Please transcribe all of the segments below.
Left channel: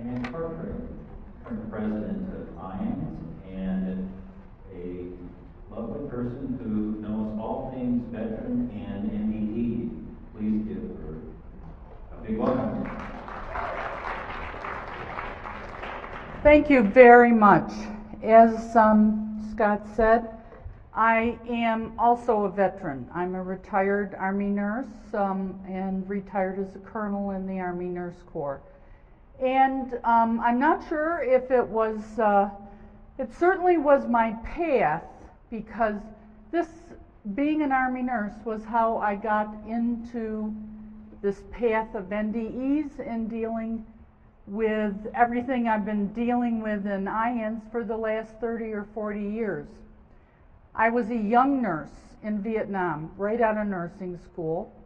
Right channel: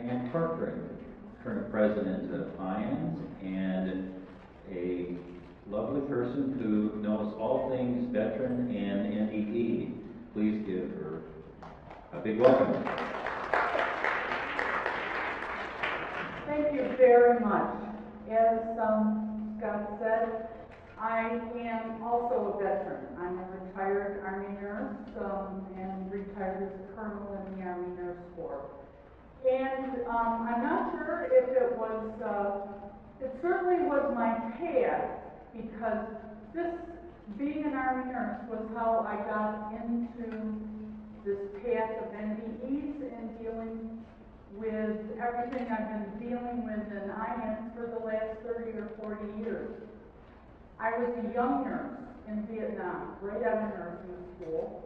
Diane Corcoran, current president of IANS, and a lovely person who knows all things veteran and NDE. Please give her a big welcome. Thank you very much. As Scott said, I am also a veteran. I'm a retired Army nurse and retired as a colonel in the Army Nurse Corps. And I'm not sure if it was, it certainly was my path, because this, being an Army nurse, was how I got into this path of NDEs and dealing with everything I've been dealing with in IANS for the last 30 or 40 years. I was a young nurse in Vietnam, right out of nursing school.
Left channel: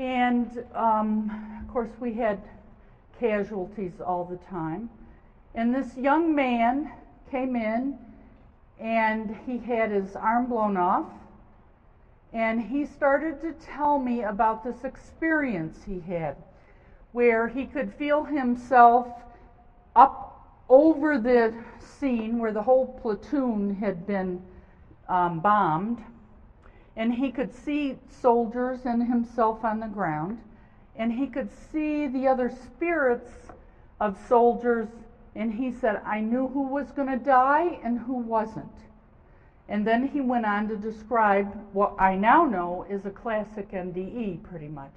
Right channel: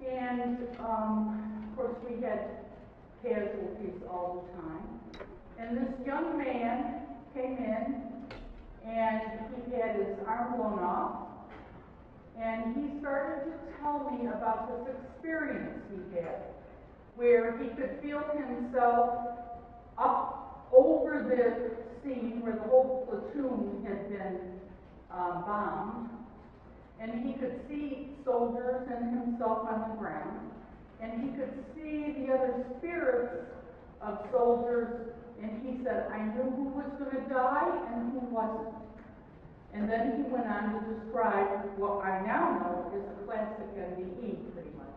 And of course we had casualties all the time. And this young man came in and he had his arm blown off, and he started to tell me about this experience he had, where he could feel himself up over the scene where the whole platoon had been bombed, and he could see soldiers and himself on the ground, and he could see the other spirits of soldiers, and he said, I knew who was going to die and who wasn't. And then he went on to describe what I now know is a classic NDE, pretty much.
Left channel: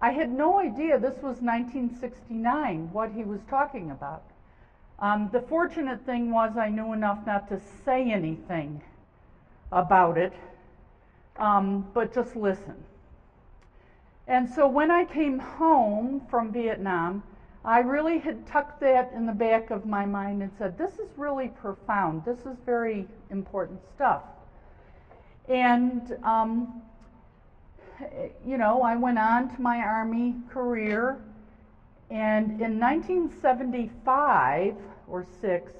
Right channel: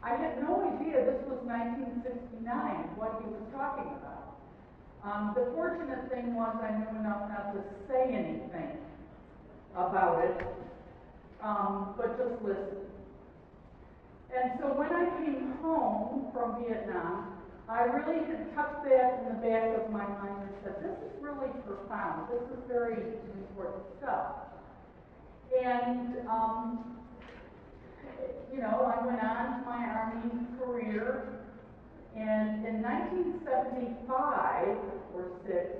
I had no idea this was 1969, what he was talking about. The fortunate thing was I knew enough not to say anything about it, but just listen. And so when I came home from Vietnam, I really had tucked that in the back of my mind and said, this is really profound. This is very important stuff. And you know, I went on to my Army career, and in 1975 or 6,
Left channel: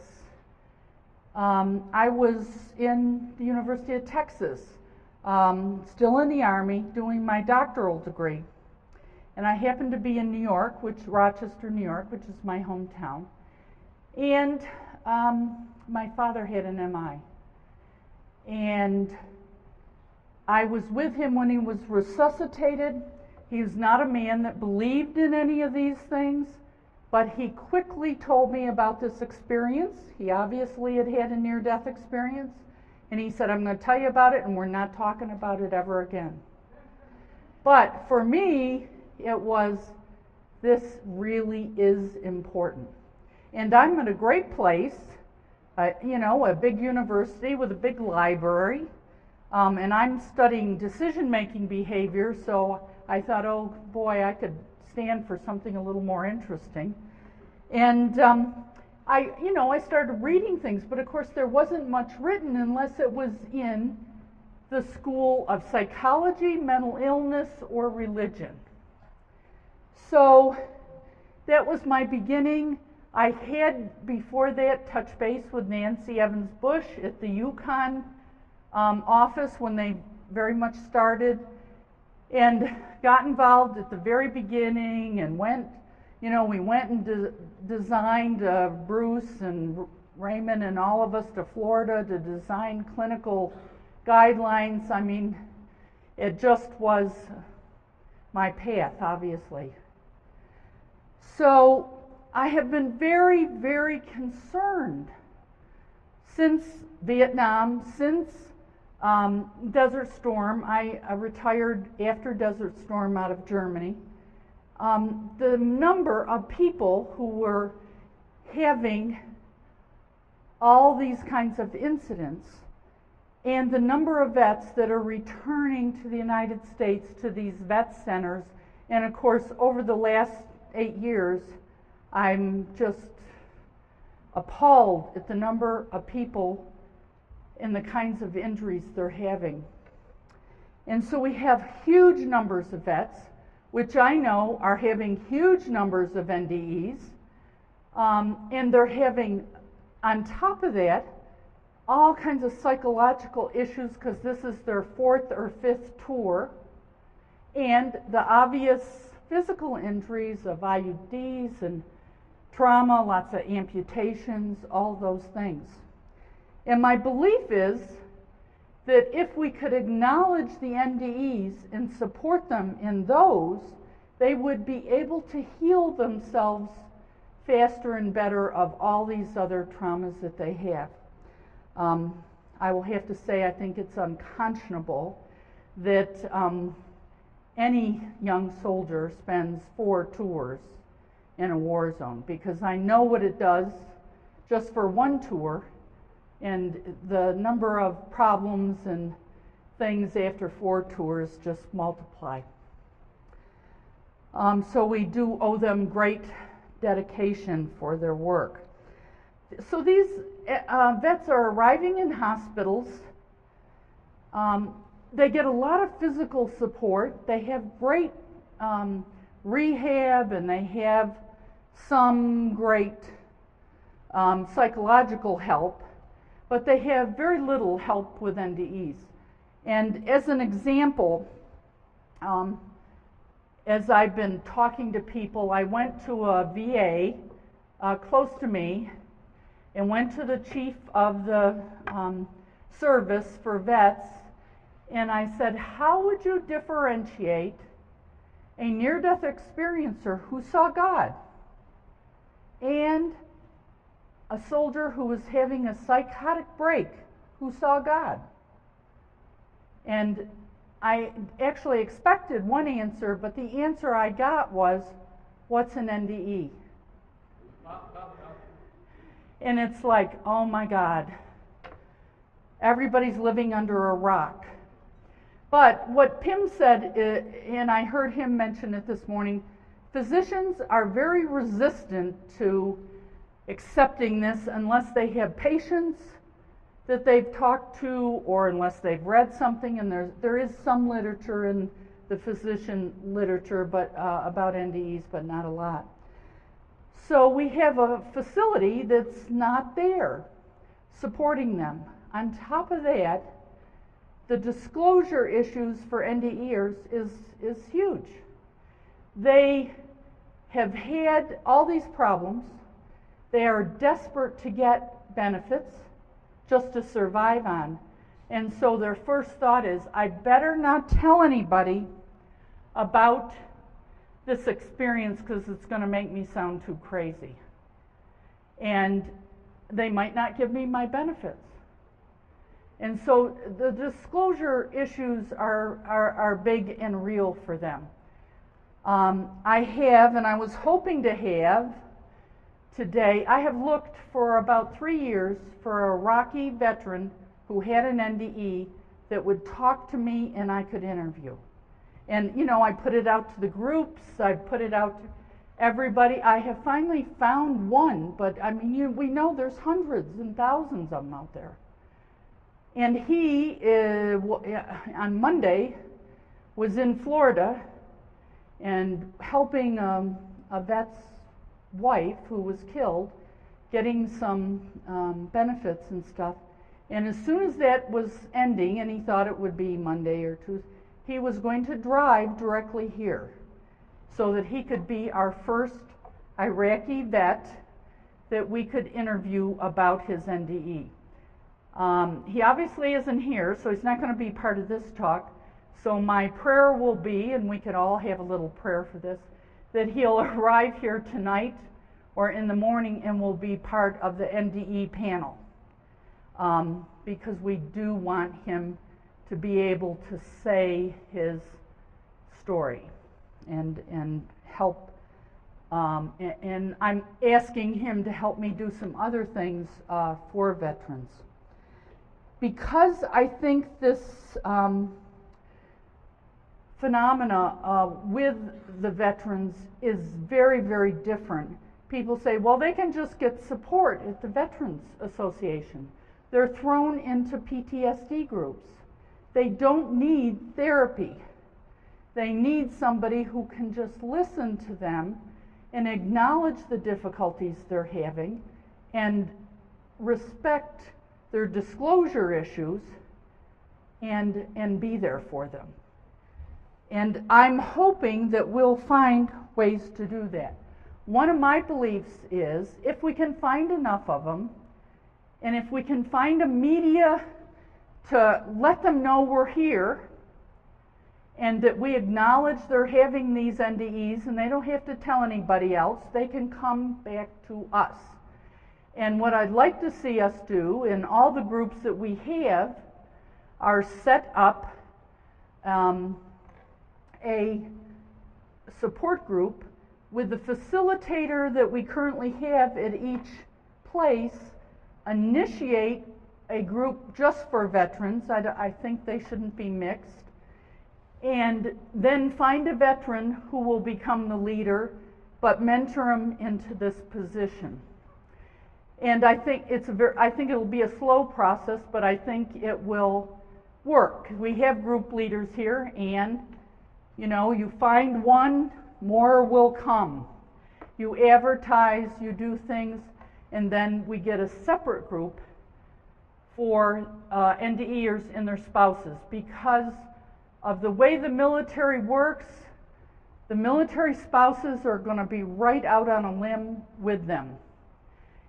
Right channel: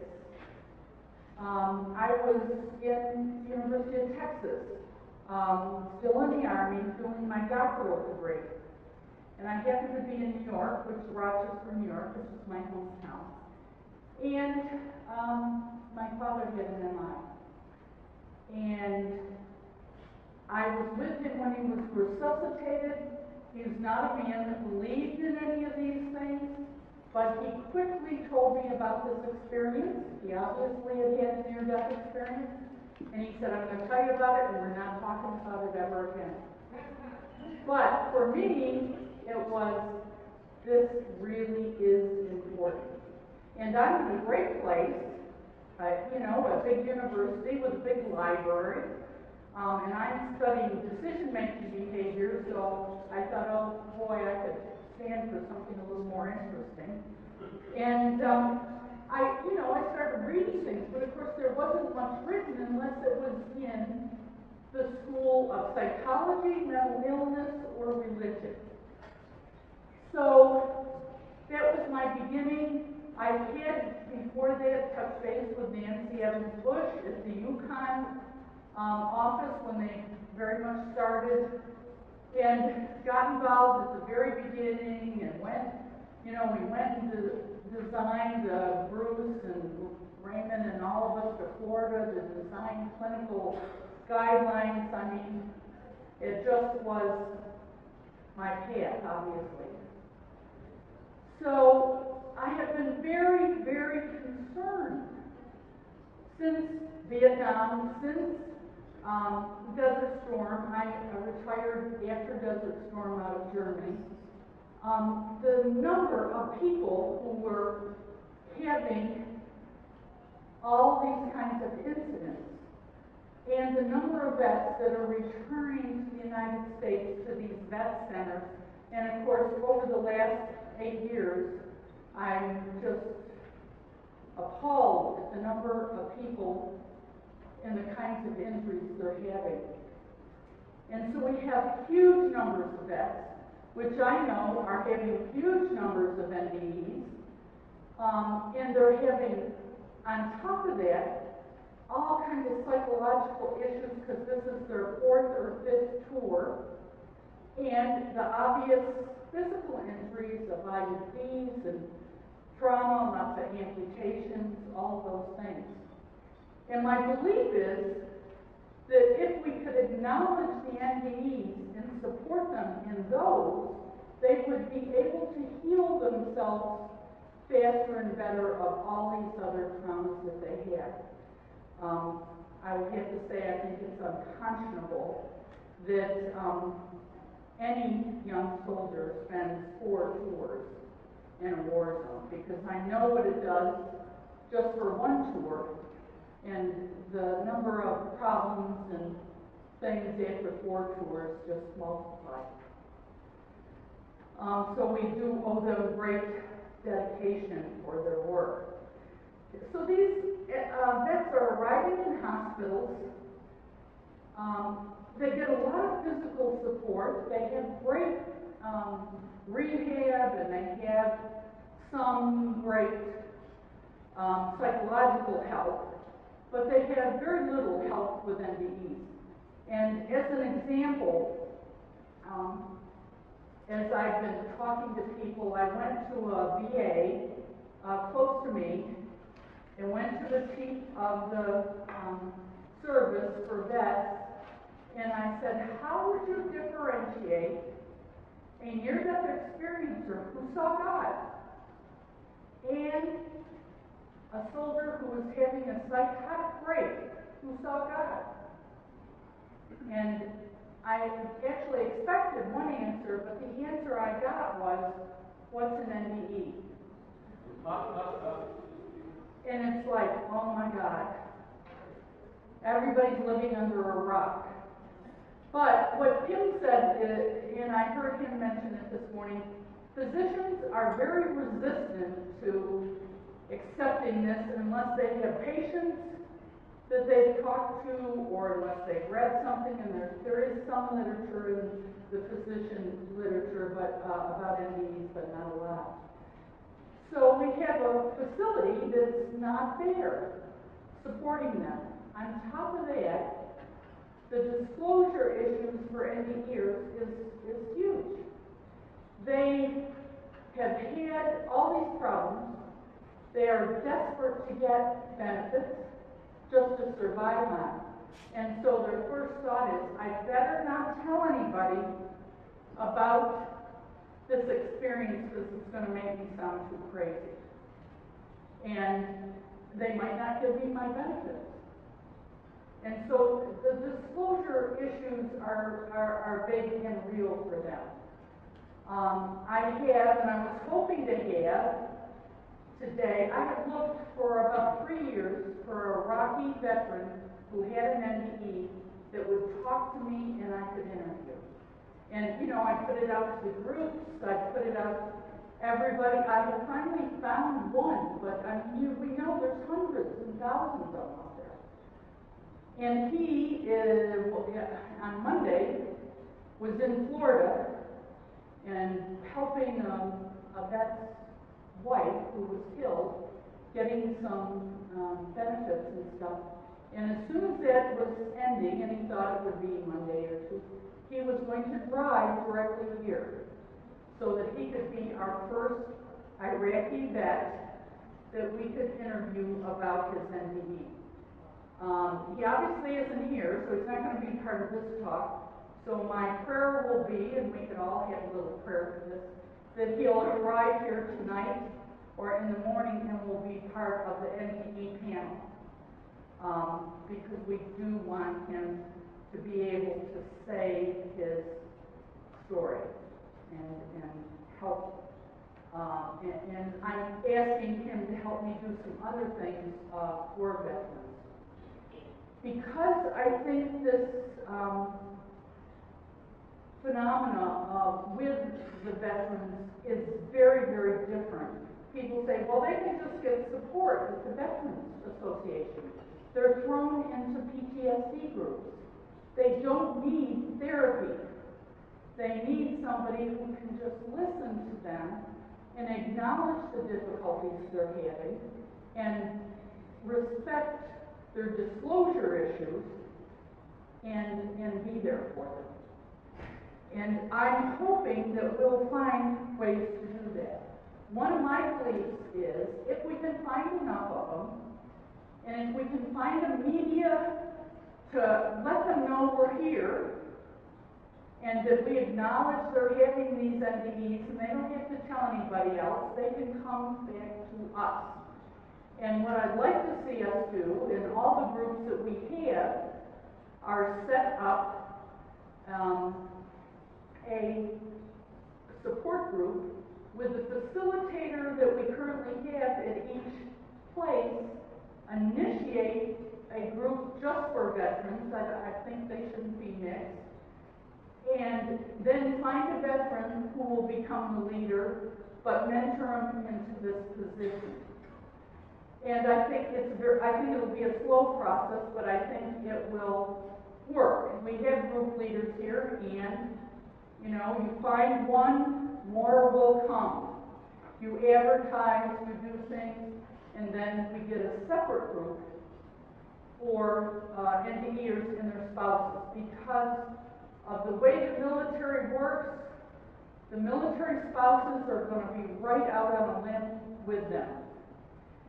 I was in the University of Texas, still in the Army, doing my doctoral degree. And I happened to be in New York, Rochester, New York, which is my hometown. And my father had an MI. And I was with him when he was resuscitated. He was not a man that believed in any of these things, but he quickly told me about this experience. He obviously had had a near-death experience, and he said, I'm going to tell you about it, and we're not talking about it ever again. But for me, it was, this really is important. And I'm at a great place, you know, a big university with a big library, and I'm studying decision-making behavior, so I thought, oh boy, I could stand for something a little more interesting. And I started reading things, but of course there wasn't much written unless it was in the school of psychology, mental illness, or religion. So that was my beginning. I had, before that, touched base with Nancy Evans Bush at the Yukon office when they very much started, and got involved at the very beginning, and went, you know, we went and designed Bruce and Raymond and all of us to Florida to design clinical guidelines. I mean, it just was my path, obviously. So I have been very, very concerned since Vietnam, since Desert Storm. I retired after Desert Storm out of Germany. The number of people who were having all these kinds of incidents, and the number of vets that are returning to the United States to these vet centers. And of course, over the last 8 years, I'm just appalled at the number of people and the kinds of injuries they're having. And so we have huge numbers of vets, which I know are having huge numbers of NDEs, and they're having, on top of that, all kinds of psychological issues, because this is their 4th or 5th tour. And the obvious physical injuries of IUDs and trauma, lots of amputations, all those things. And my belief is that if we could acknowledge the NDEs and support them in those, they would be able to heal themselves faster and better of all these other traumas that they have. I will have to say I think it's unconscionable that any young soldier spends 4 tours in a war zone, because I know what it does just for one tour, and the number of problems and things after 4 tours just multiply. So we do owe them great dedication for their work. So these vets are arriving in hospitals. They get a lot of physical support. They have great rehab, and they have some great psychological help, but they have very little help with NDEs. And as an example, as I've been talking to people, I went to a VA close to me and went to the chief of the service for vets, and I said, how would you differentiate a near-death experiencer who saw God and a soldier who was having a psychotic break who saw God? And I actually expected one answer, but the answer I got was, what's an NDE? And it's like, oh my God, everybody's living under a rock. But what Pim said, and I heard him mention it this morning, physicians are very resistant to accepting this unless they have patients that they've talked to, or unless they've read something, and there is some literature in the physician literature about NDEs, but not a lot. So we have a facility that's not there supporting them. On top of that, the disclosure issues for NDEers is huge. They have had all these problems. They are desperate to get benefits just to survive on. And so their first thought is, I better not tell anybody about this experience because it's going to make me sound too crazy. And they might not give me my benefits. And so the disclosure issues are big and real for them. I have, and I was hoping to have today, I have looked for about 3 years for a Rocky veteran who had an NDE that would talk to me and I could interview. And you know, I put it out to the groups, I put it out to everybody. I have finally found one, but I mean, we know there's hundreds and thousands of them out there. And he, on Monday, was in Florida and helping a vet's wife who was killed, getting some benefits and stuff. And as soon as that was ending, and he thought it would be Monday or Tuesday, he was going to drive directly here so that he could be our first Iraqi vet that we could interview about his NDE. He obviously isn't here, so he's not going to be part of this talk. So my prayer will be, and we could all have a little prayer for this, that he'll arrive here tonight or in the morning and will be part of the NDE panel. Because we do want him to be able to say his story and help. And I'm asking him to help me do some other things for veterans. Because I think this phenomena with the veterans is very, very different. People say, well, they can just get support at the Veterans Association. They're thrown into PTSD groups. They don't need therapy. They need somebody who can just listen to them and acknowledge the difficulties they're having and respect their disclosure issues and be there for them. And I'm hoping that we'll find ways to do that. One of my beliefs is if we can find enough of them, and if we can find a media to let them know we're here, and that we acknowledge they're having these NDEs and they don't have to tell anybody else, they can come back to us. And what I'd like to see us do in all the groups that we have are set up a support group with the facilitator that we currently have at each place initiate a group just for veterans. I think they shouldn't be mixed. And then find a veteran who will become the leader, but mentor them into this position. And I think I think it'll be a slow process, but I think it will work. We have group leaders here, and you find one, more will come. You advertise, you do things, and then we get a separate group for NDEers and their spouses. Because of the way the military works, the military spouses are going to be right out on a limb with them.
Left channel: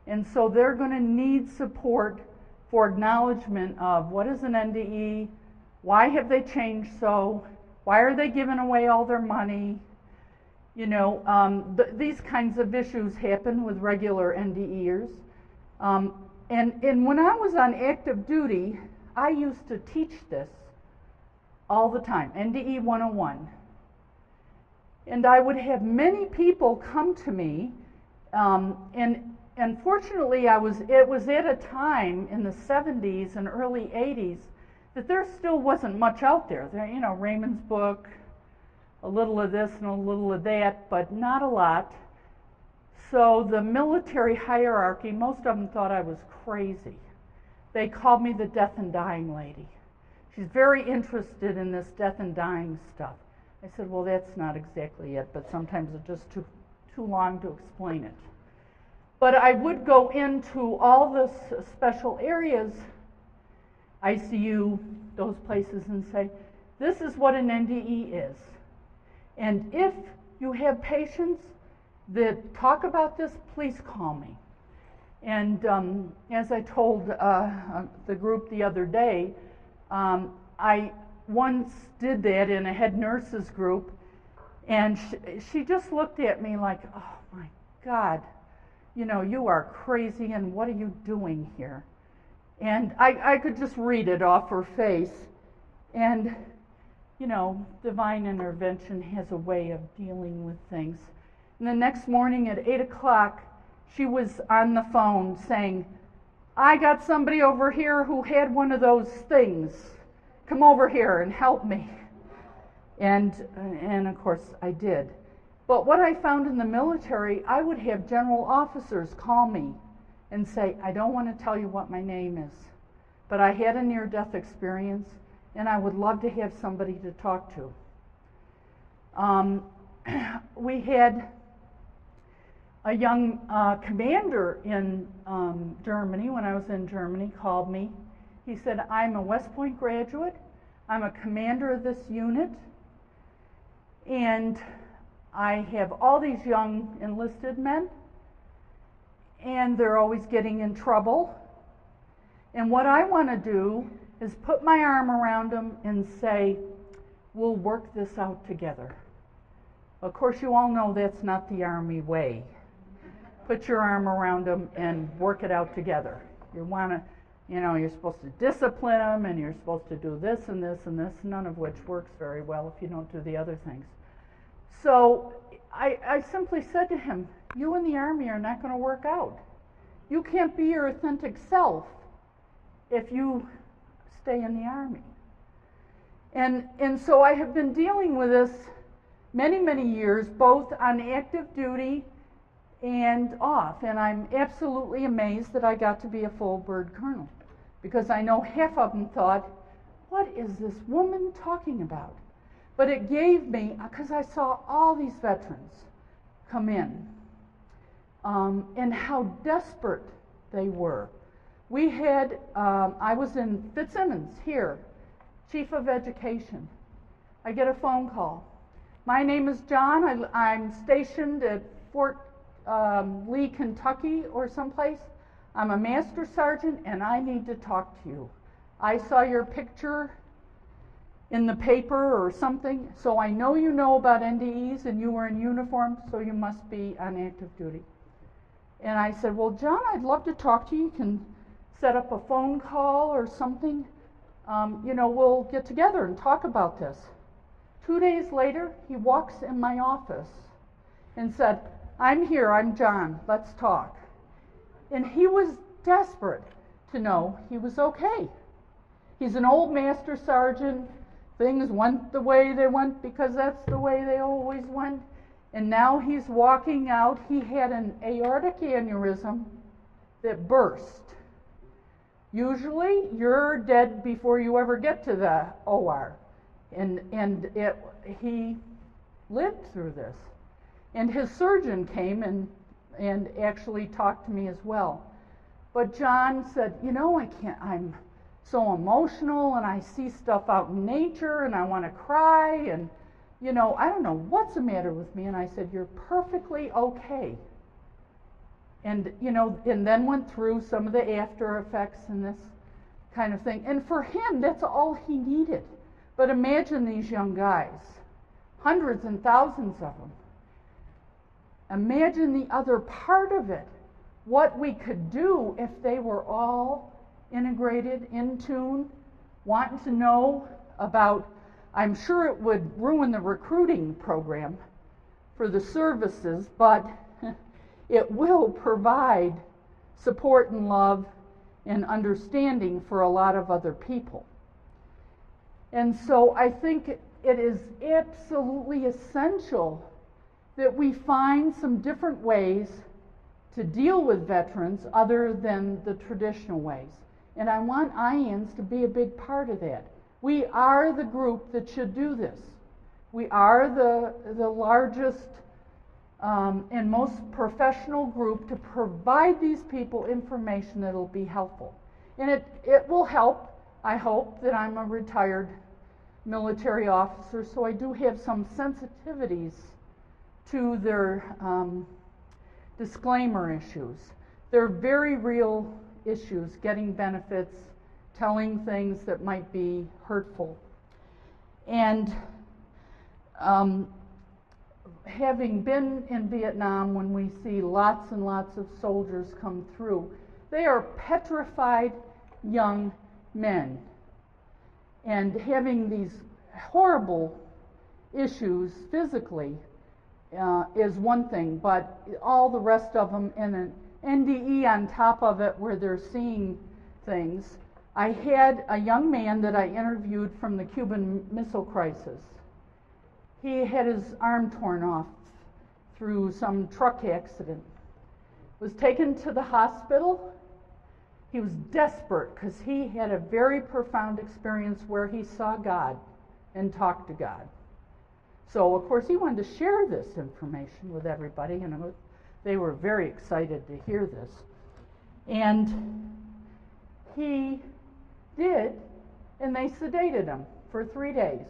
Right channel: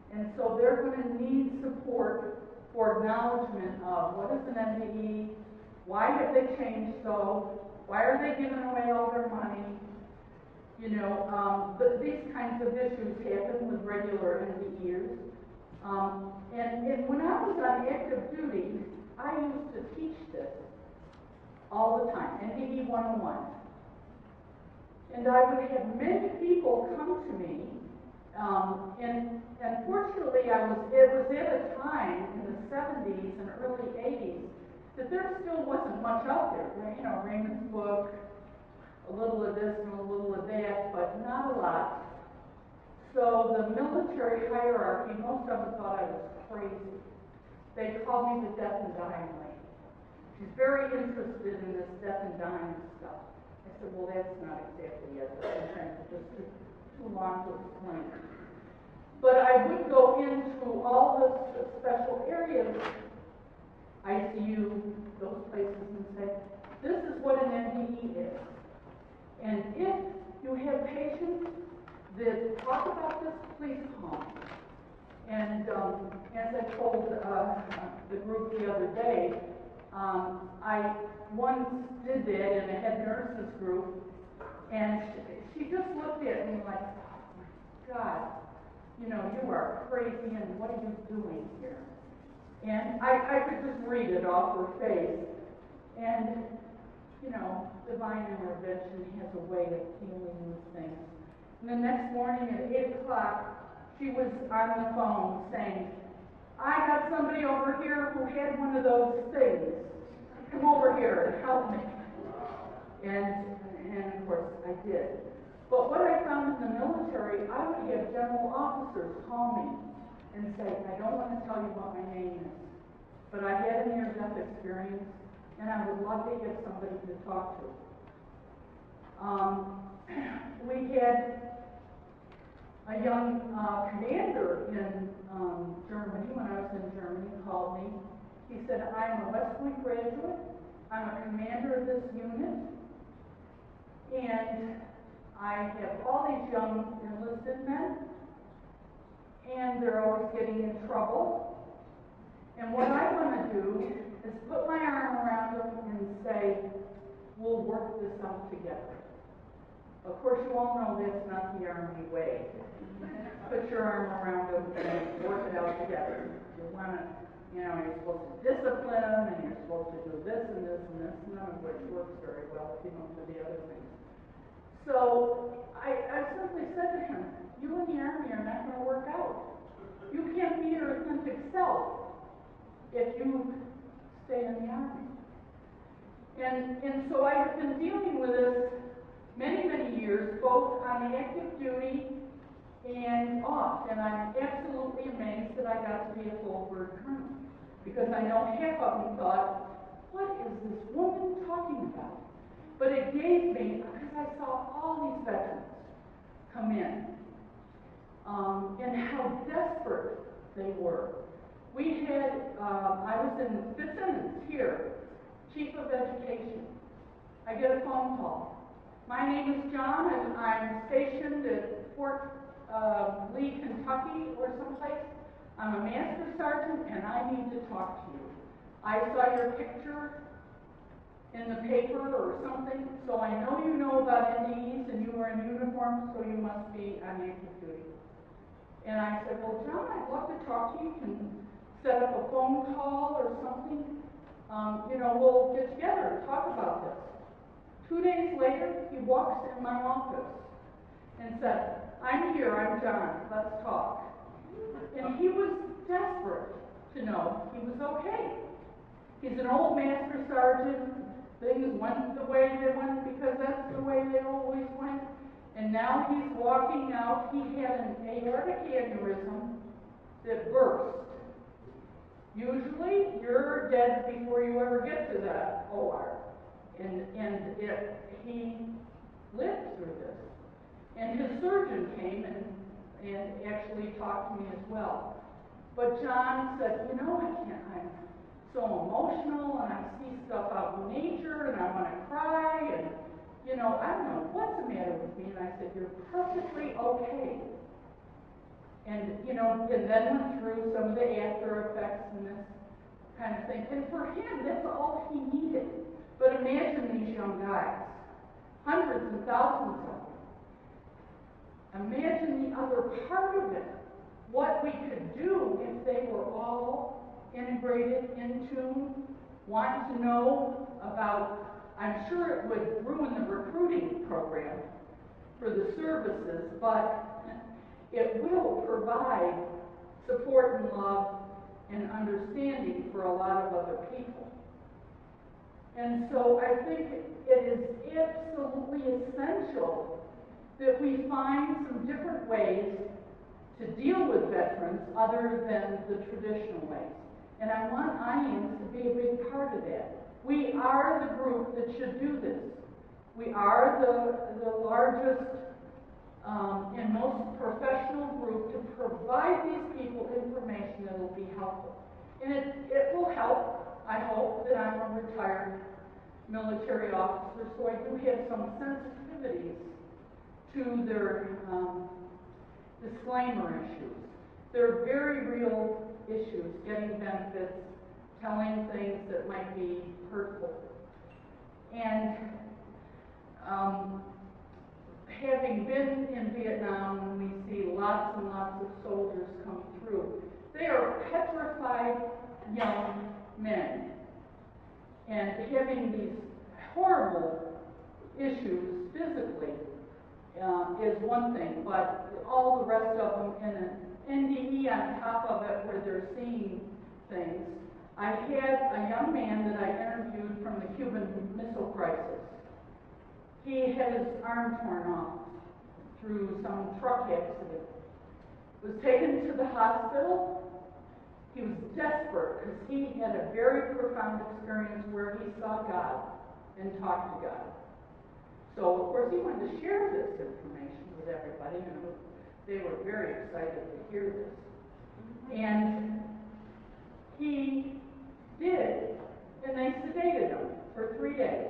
And so they're going to need support for acknowledgement of what is an NDE, why have they changed so, why are they giving away all their money. These kinds of issues happen with regular NDEers. And when I was on active duty, I used to teach this all the time, NDE 101. And I would have many people come to me, and unfortunately it was at a time in the 70s and early 80s that there still wasn't much out there. Raymond's book, a little of this and a little of that, but not a lot. So the military hierarchy, most of them thought I was crazy. They called me the death and dying lady. She's very interested in this death and dying stuff. I said, well, that's not exactly it, but sometimes it's just too long to explain it. But I would go into all the special areas, ICU, those places, and say, this is what an NDE is. And if you have patients that talk about this, please call me. And as I told the group the other day, I once did that in a head nurses group, and she just looked at me like, oh my God, you are crazy, and what are you doing here? And I could just read it off her face. And, divine intervention has a way of dealing with things. And the next morning at 8 o'clock, she was on the phone saying, I got somebody over here who had one of those things. Come over here and help me. And of course I did. But what I found in the military, I would have general officers call me and say, I don't want to tell you what my name is, but I had a near-death experience and I would love to have somebody to talk to. We had a young commander in Germany, when I was in Germany, called me. He said, I'm a West Point graduate, I'm a commander of this unit, and I have all these young enlisted men, and they're always getting in trouble. And what I want to do is put my arm around them and say, we'll work this out together. Of course, you all know that's not the Army way. Put your arm around them and work it out together. You want to, you're supposed to discipline them, and you're supposed to do this and this and this, none of which works very well if you don't do the other things. So I simply said to him, you and the Army are not going to work out. You can't be your authentic self if you stay in the Army. And so I have been dealing with this many, many years, both on active duty and off. And I'm absolutely amazed that I got to be a full bird colonel, because I know half of them thought, what is this woman talking about? But it gave me, because I saw all these veterans come in, and how desperate they were. We had, I was in Fitzsimmons here, chief of education, I get a phone call. My name is John. I'm stationed at Fort Lee, Kentucky or someplace. I'm a master sergeant and I need to talk to you. I saw your picture in the paper or something, so I know you know about NDEs and you were in uniform, so you must be on active duty. And I said, well, John, I'd love to talk to you. You can set up a phone call or something. We'll get together and talk about this. 2 days later, he walks in my office and said, I'm here, I'm John, let's talk. And he was desperate to know he was okay. He's an old master sergeant. Things went the way they went because that's the way they always went. And now he's walking out. He had an aortic aneurysm that burst. Usually, you're dead before you ever get to the OR. He lived through this. And his surgeon came and actually talked to me as well. But John said, I'm so emotional and I see stuff out in nature and I want to cry and, I don't know what's the matter with me. And I said, you're perfectly okay. And, and then went through some of the after effects and this kind of thing. And for him, that's all he needed. But imagine these young guys, hundreds and thousands of them. Imagine the other part of it, what we could do if they were all integrated, in tune, wanting to know about, I'm sure it would ruin the recruiting program for the services, but it will provide support and love and understanding for a lot of other people. And so I think it is absolutely essential that we find some different ways to deal with veterans other than the traditional ways. And I want IANS to be a big part of that. We are the group that should do this. We are the largest and most professional group to provide these people information that will be helpful. And it will help, I hope, that I'm a retired military officer, so I do have some sensitivities to their disclaimer issues. They're very real issues, getting benefits, telling things that might be hurtful. And having been in Vietnam, when we see lots and lots of soldiers come through, they are petrified young men. And having these horrible issues physically is one thing, but all the rest of them in an NDE on top of it where they're seeing things. I had a young man that I interviewed from the Cuban Missile Crisis. He had his arm torn off through some truck accident. Was taken to the hospital. He was desperate because he had a very profound experience where he saw God and talked to God. So, of course, he wanted to share this information with everybody, and they were very excited to hear this. And he did, and they sedated him for 3 days.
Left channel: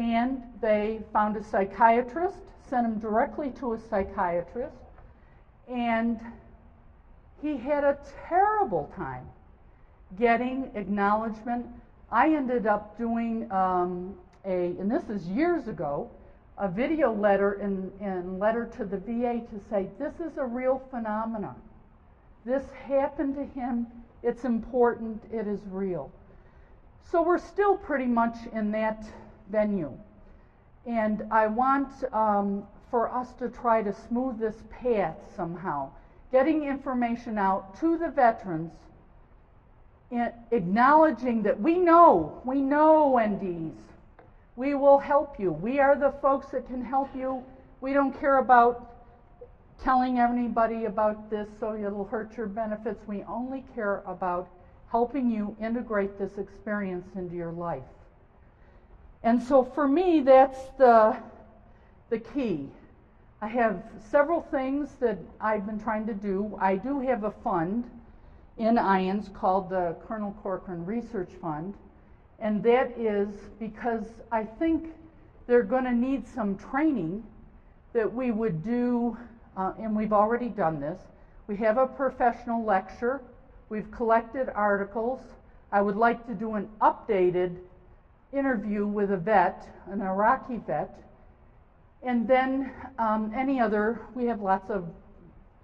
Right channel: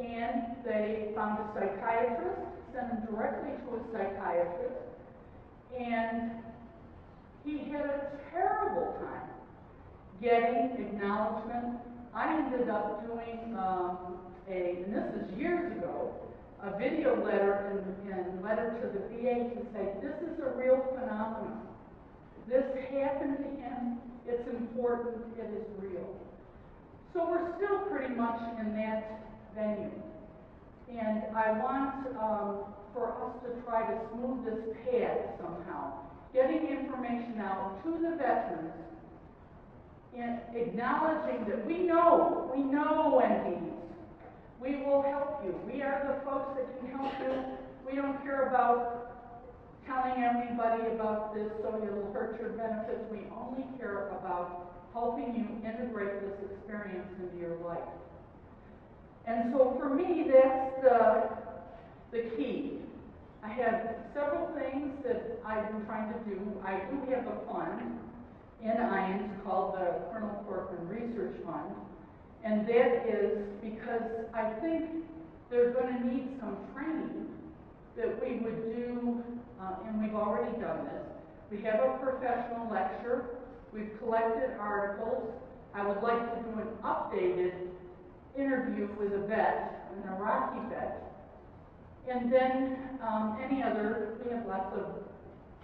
And they found a psychiatrist, sent him directly to a psychiatrist, and he had a terrible time getting acknowledgement. I ended up doing and this is years ago, a video letter and letter to the VA to say, this is a real phenomenon. This happened to him. It's important. It is real. So we're still pretty much in that venue. And I want for us to try to smooth this path somehow, getting information out to the veterans and acknowledging that we know NDEs. We will help you. We are the folks that can help you. We don't care about telling anybody about this so it'll hurt your benefits. We only care about helping you integrate this experience into your life. And so for me, that's the key. I have several things that I've been trying to do. I do have a fund in IANS called the Colonel Corcoran Research Fund. And that is because I think they're going to need some training that we would do, and we've already done this. We have a professional lecture. We've collected articles. I would like to do an updated interview with a vet, an Iraqi vet, and then any other, we have lots of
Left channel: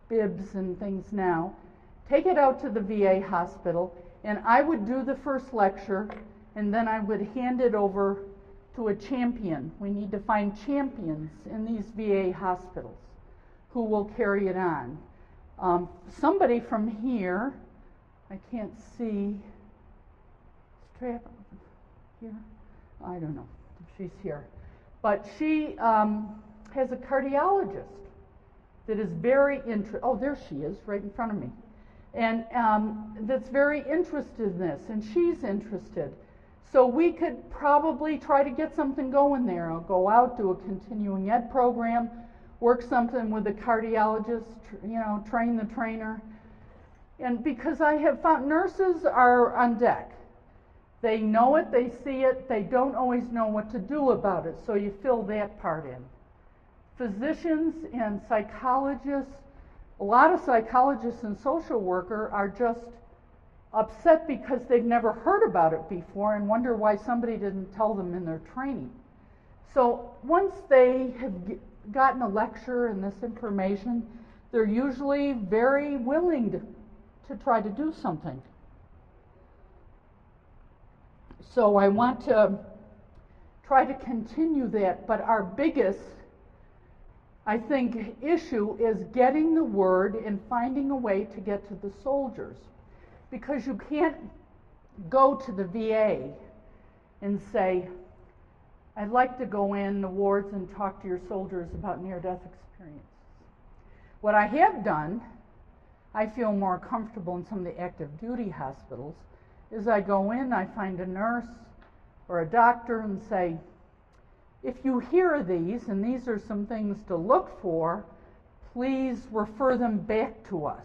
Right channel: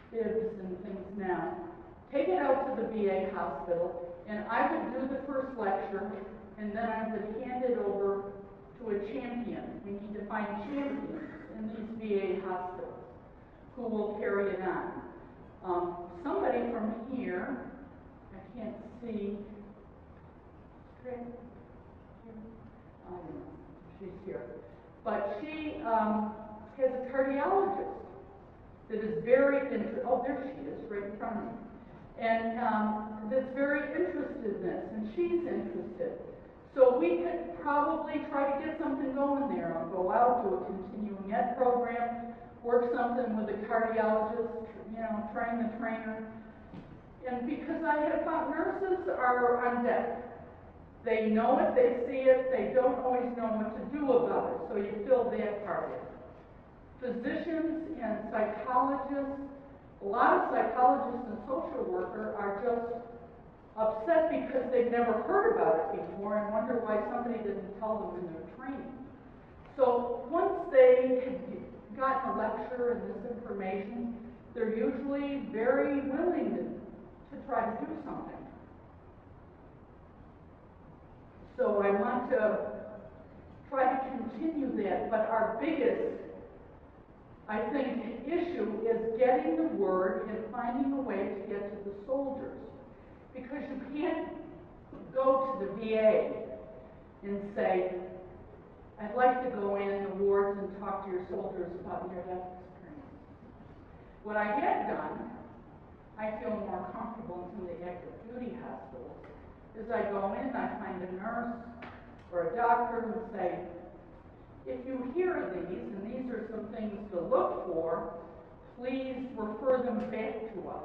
bibs and things now. Take it out to the VA hospital, and I would do the first lecture, and then I would hand it over to a champion. We need to find champions in these VA hospitals who will carry it on. Somebody from here, I can't see, here, I don't know if she's here, but she has a cardiologist that is very oh, there she is, right in front of me, and that's very interested in this, and she's interested. So we could probably try to get something going there. I'll go out, do a continuing ed program, work something with a cardiologist, train the trainer. And because I have found nurses are on deck. They know it, they see it, they don't always know what to do about it, so you fill that part in. Physicians and psychologists, a lot of psychologists and social workers are just upset because they've never heard about it before and wonder why somebody didn't tell them in their training. So once they have gotten a lecture and this information, they're usually very willing to try to do something. So I want to try to continue that, but our biggest, I think, issue is getting the word and finding a way to get to the soldiers. Because you can't go to the VA and say, I'd like to go in the wards and talk to your soldiers about near-death experience. What I have done, I feel more comfortable in some of the active duty hospitals, is I go in, I find a nurse or a doctor and say, if you hear these, and these are some things to look for, please refer them back to us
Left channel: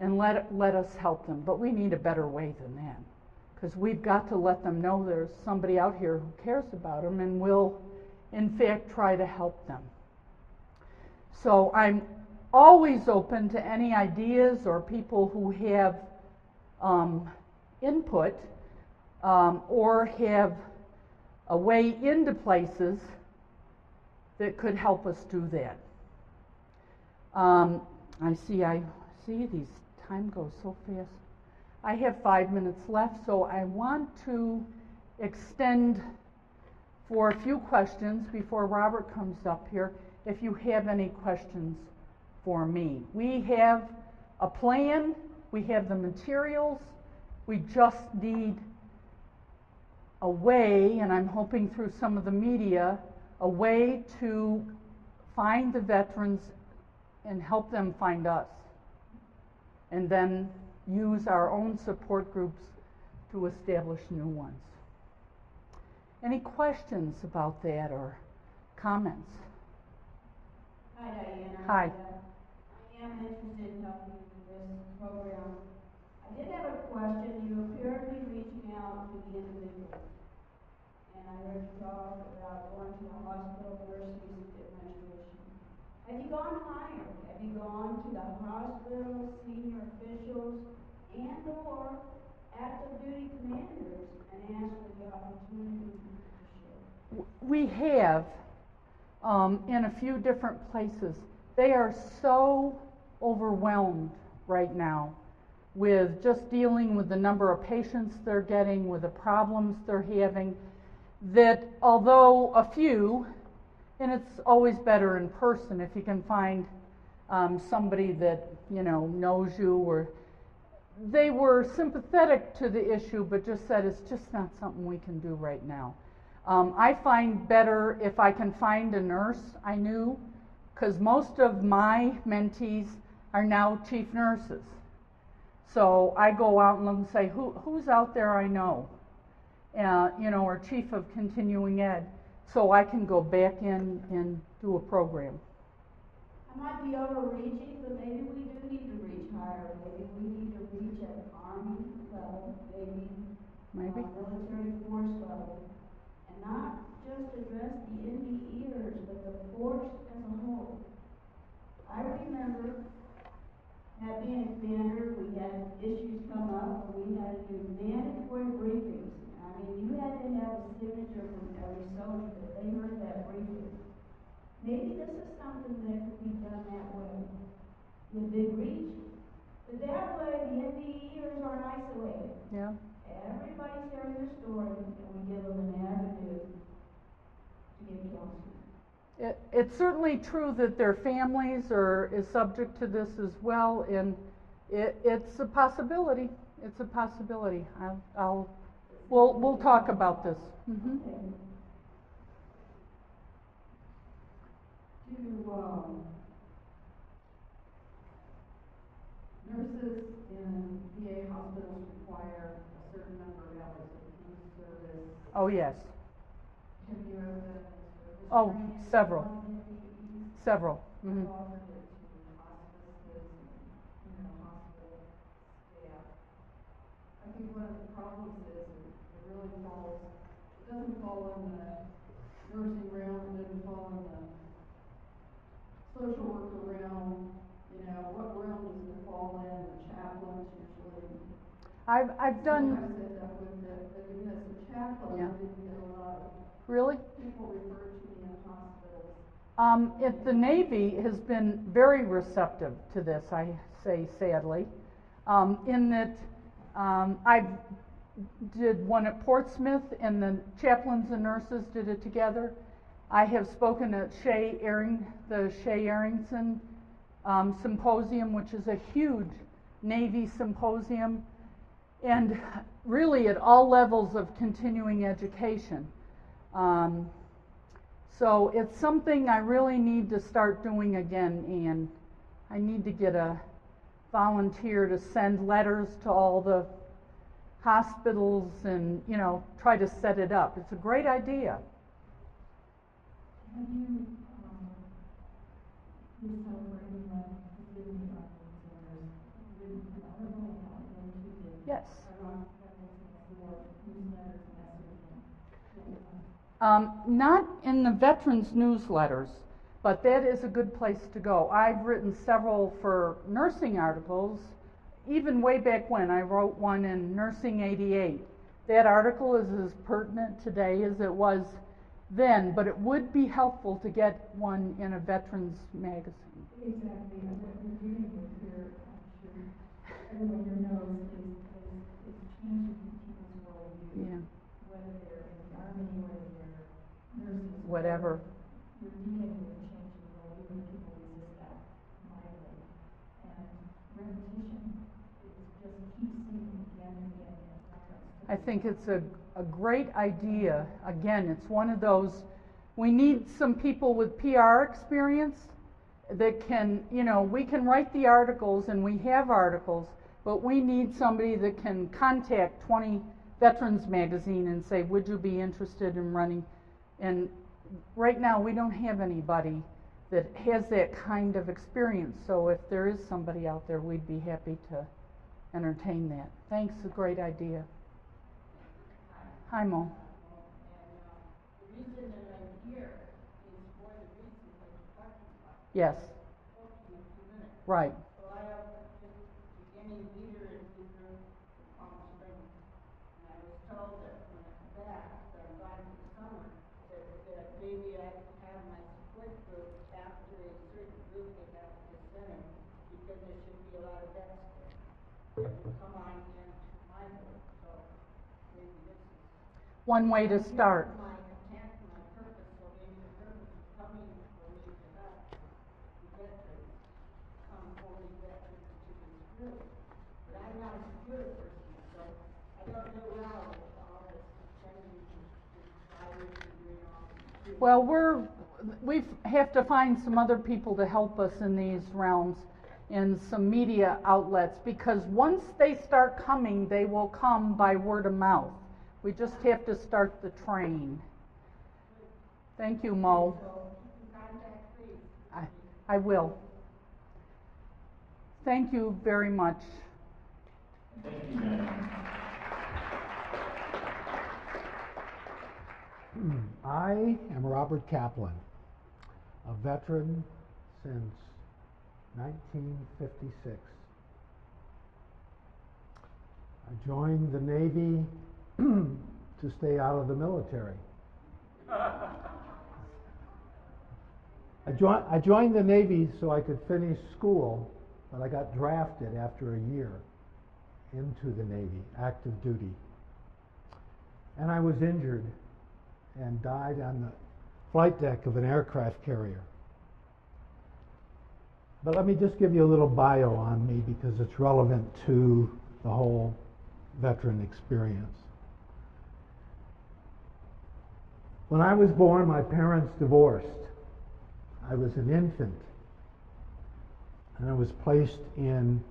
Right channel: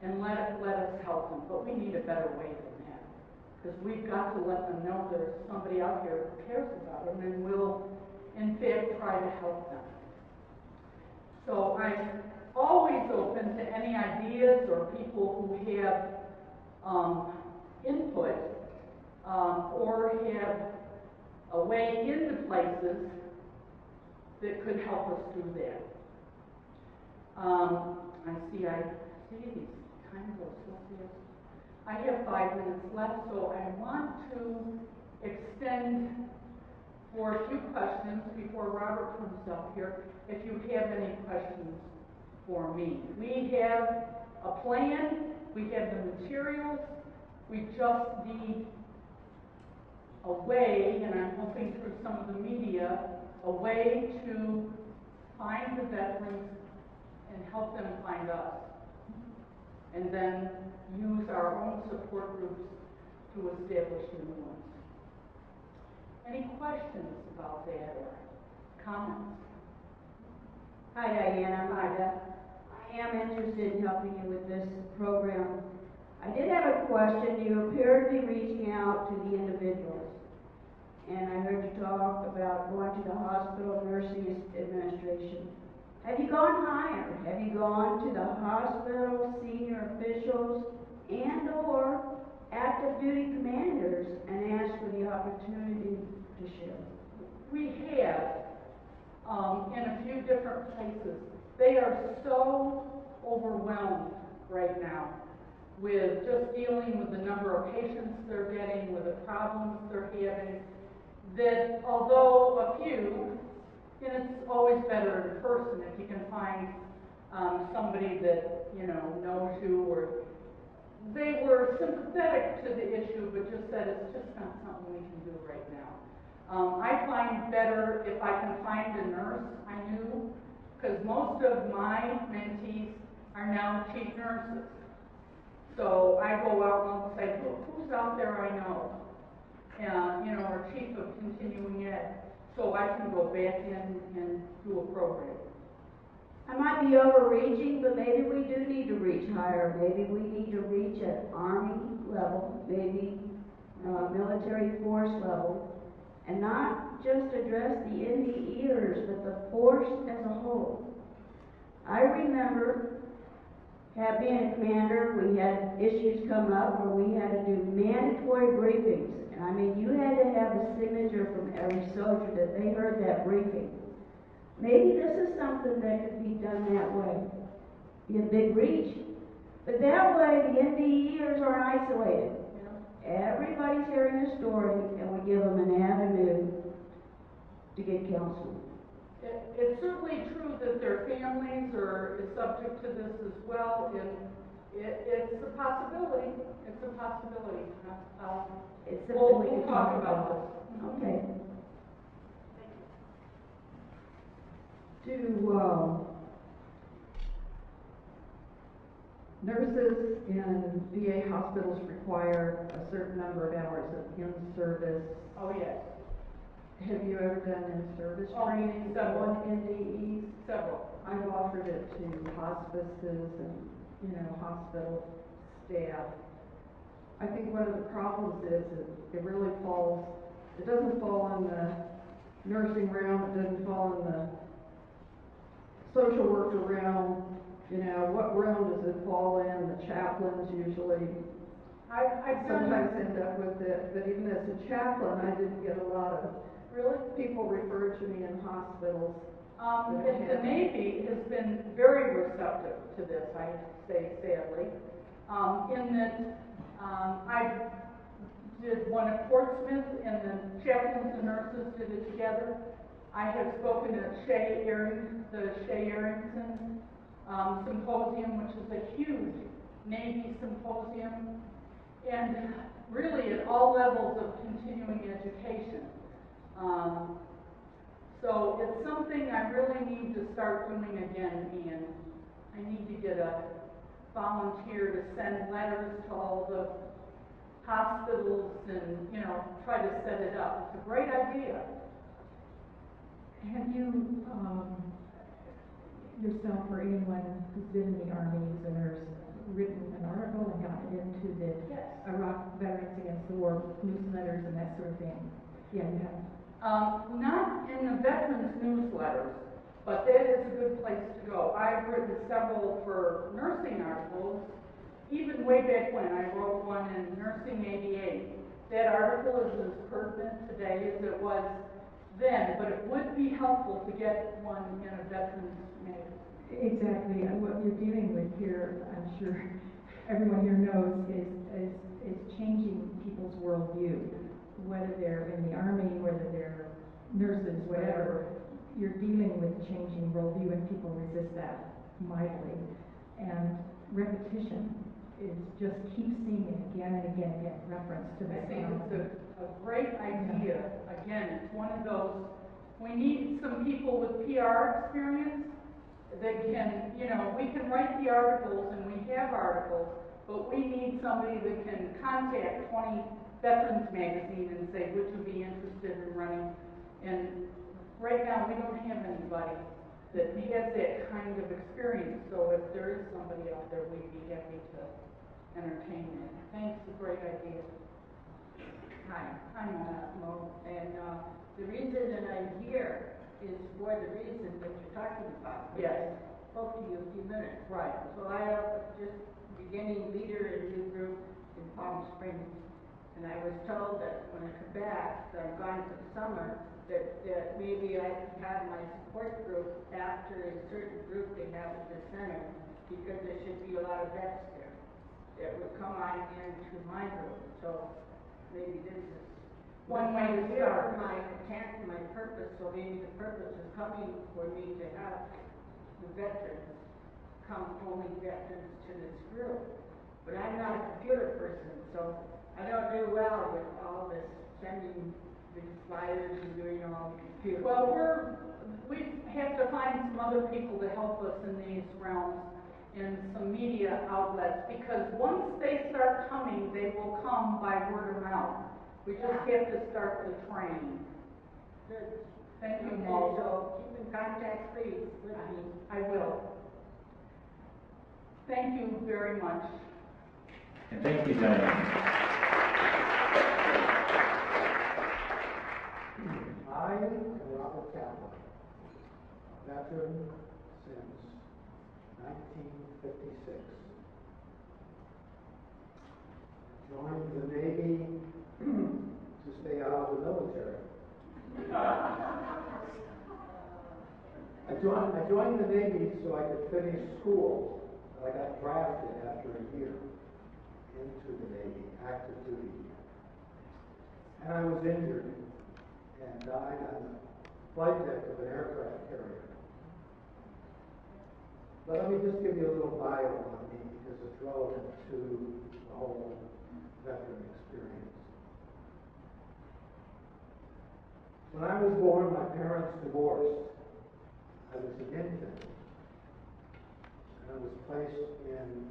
and let us help them. But we need a better way than that, because we've got to let them know there's somebody out here who cares about them and will, in fact, try to help them. So I'm always open to any ideas or people who have input or have a way into places that could help us do that. I see these time goes so fast. I have 5 minutes left, so I want to extend for a few questions before Robert comes up here, if you have any questions for me. We have a plan, we have the materials, we just need a way, and I'm hoping through some of the media, a way to find the veterans and help them find us. And then use our own support groups to establish new ones. Any questions about that or comments? Hi, Diana. Hi. I am interested in helping you with this program. I did have a question. You appear to be reaching out to the individuals. And I heard you talk about going to the hospital nursing administration. Have you gone higher? Have you gone to the hospital senior officials and or active duty commanders and asked for the opportunity to share? We have in a few different places. They are so overwhelmed right now with just dealing with the number of patients they're getting, with the problems they're having, that although a few, and it's always better in person if you can find somebody that knows you, or they were sympathetic to the issue but just said it's just not something we can do right now. I find better if I can find a nurse I knew, because most of my mentees are now chief nurses. So I go out and say, who's out there I know, or chief of continuing ed. So I can go back in and do a program. I might be overreaching, but maybe we do need to reach higher. Maybe we need to reach at Army level. Maybe military force level, and not just address the NDEers, but the force as a whole. I remember being a commander, we had issues come up where we had to do mandatory briefings. And I mean, you had to have a signature from every soldier that they heard that briefing. Maybe this is something that could be done that way. Be a big reach. But that way, the NDEers are isolated. Yeah. Everybody's hearing the story, and we give them an avenue to get counseling. It's certainly true that their families is subject to this as well, and it's a possibility. It's a possibility. We'll talk about this. Mm-hmm. Okay. Do nurses in VA hospitals require a certain number of hours of in-service? Oh, yes. Have you ever done in-service Oh, training several. on NDEs? Several. I've offered it to hospices and, hospital staff. I think one of the problems is that it doesn't fall in the nursing realm, it doesn't fall in the social worker realm. What realm does it fall in? The chaplains usually I've done. sometimes end up with it, but even as a chaplain, I didn't get a lot of Really? people referred to me in hospitals. The Navy has been very receptive to this, I say sadly, in that I did one at Portsmouth, and the chaplains and nurses did it together. I have spoken at the Shea Arrington Symposium, which is a huge Navy symposium, and really at all levels of continuing education. So it's something I really need to start doing again, and I need to get a volunteer to send letters to all the hospitals and, try to set it up. It's a great idea. Have you, yourself or anyone who's been in the Army, who's a nurse, written an article and gotten it into the Yes. Iraq Veterans Against the War newsletters and that sort of thing? Yeah, you have. Not in the veterans newsletters, but that is a good place to go. I've written several for nursing articles, even way back when. I wrote one in Nursing 88. That article is as pertinent today as it was then, but it would be helpful to get one in a veterans magazine. Exactly, and what you're dealing with here, I'm sure everyone here knows, is changing people's worldview. Yeah. Whether they're in the Army, whether they're nurses, whatever, you're dealing with changing worldview, and people resist that mightily. And repetition is just keep seeing it again and again and again, reference to I this think it's topic. a great idea. Again, it's one of those, we need some people with PR experience that can, we can write the articles, and we have articles, but we need somebody that can contact 20 Veterans Magazine and say, would you be interested in running? And right now we don't have anybody that has that kind of experience, so if there is somebody out there, we'd be happy to entertain that. Thanks, a great idea. Hi, Mo. Mo, and the reason that I'm here is for the reason that you're talking about. Yes. I spoke to you a few minutes. Right. So I am just beginning leader in a new group in Palm Springs, and I was told that when I come back, that I'm gone for the summer, that maybe I could have my support group after a certain group they have at the center, because there should be a lot of vets there that would come on into my group. So maybe this is One way to start. my intent, my purpose, so maybe the purpose is coming for me to have the veterans come, only veterans to this group. But I'm not a computer person, so I don't do well with all this sending the flyers and doing all the computer. Well, we have to find some other people to help us in these realms, in some media outlets, because once they start coming, they will come by word of mouth. We just have to start the train. Good. Thank you, Mo. So keep in contact, please, with me. I will. Thank you very much. And thank you, gentlemen. I am Robert Kaplan, a veteran since 1956. I joined the Navy to stay out of the military. I joined the Navy so I could finish school, but I got drafted after a year into the Navy, active duty. And I was injured and died on the flight deck of an aircraft carrier. But let me just give you a little bio on me because it's relevant to the whole veteran experience. When I was born, my parents divorced. I was an infant, and I was placed in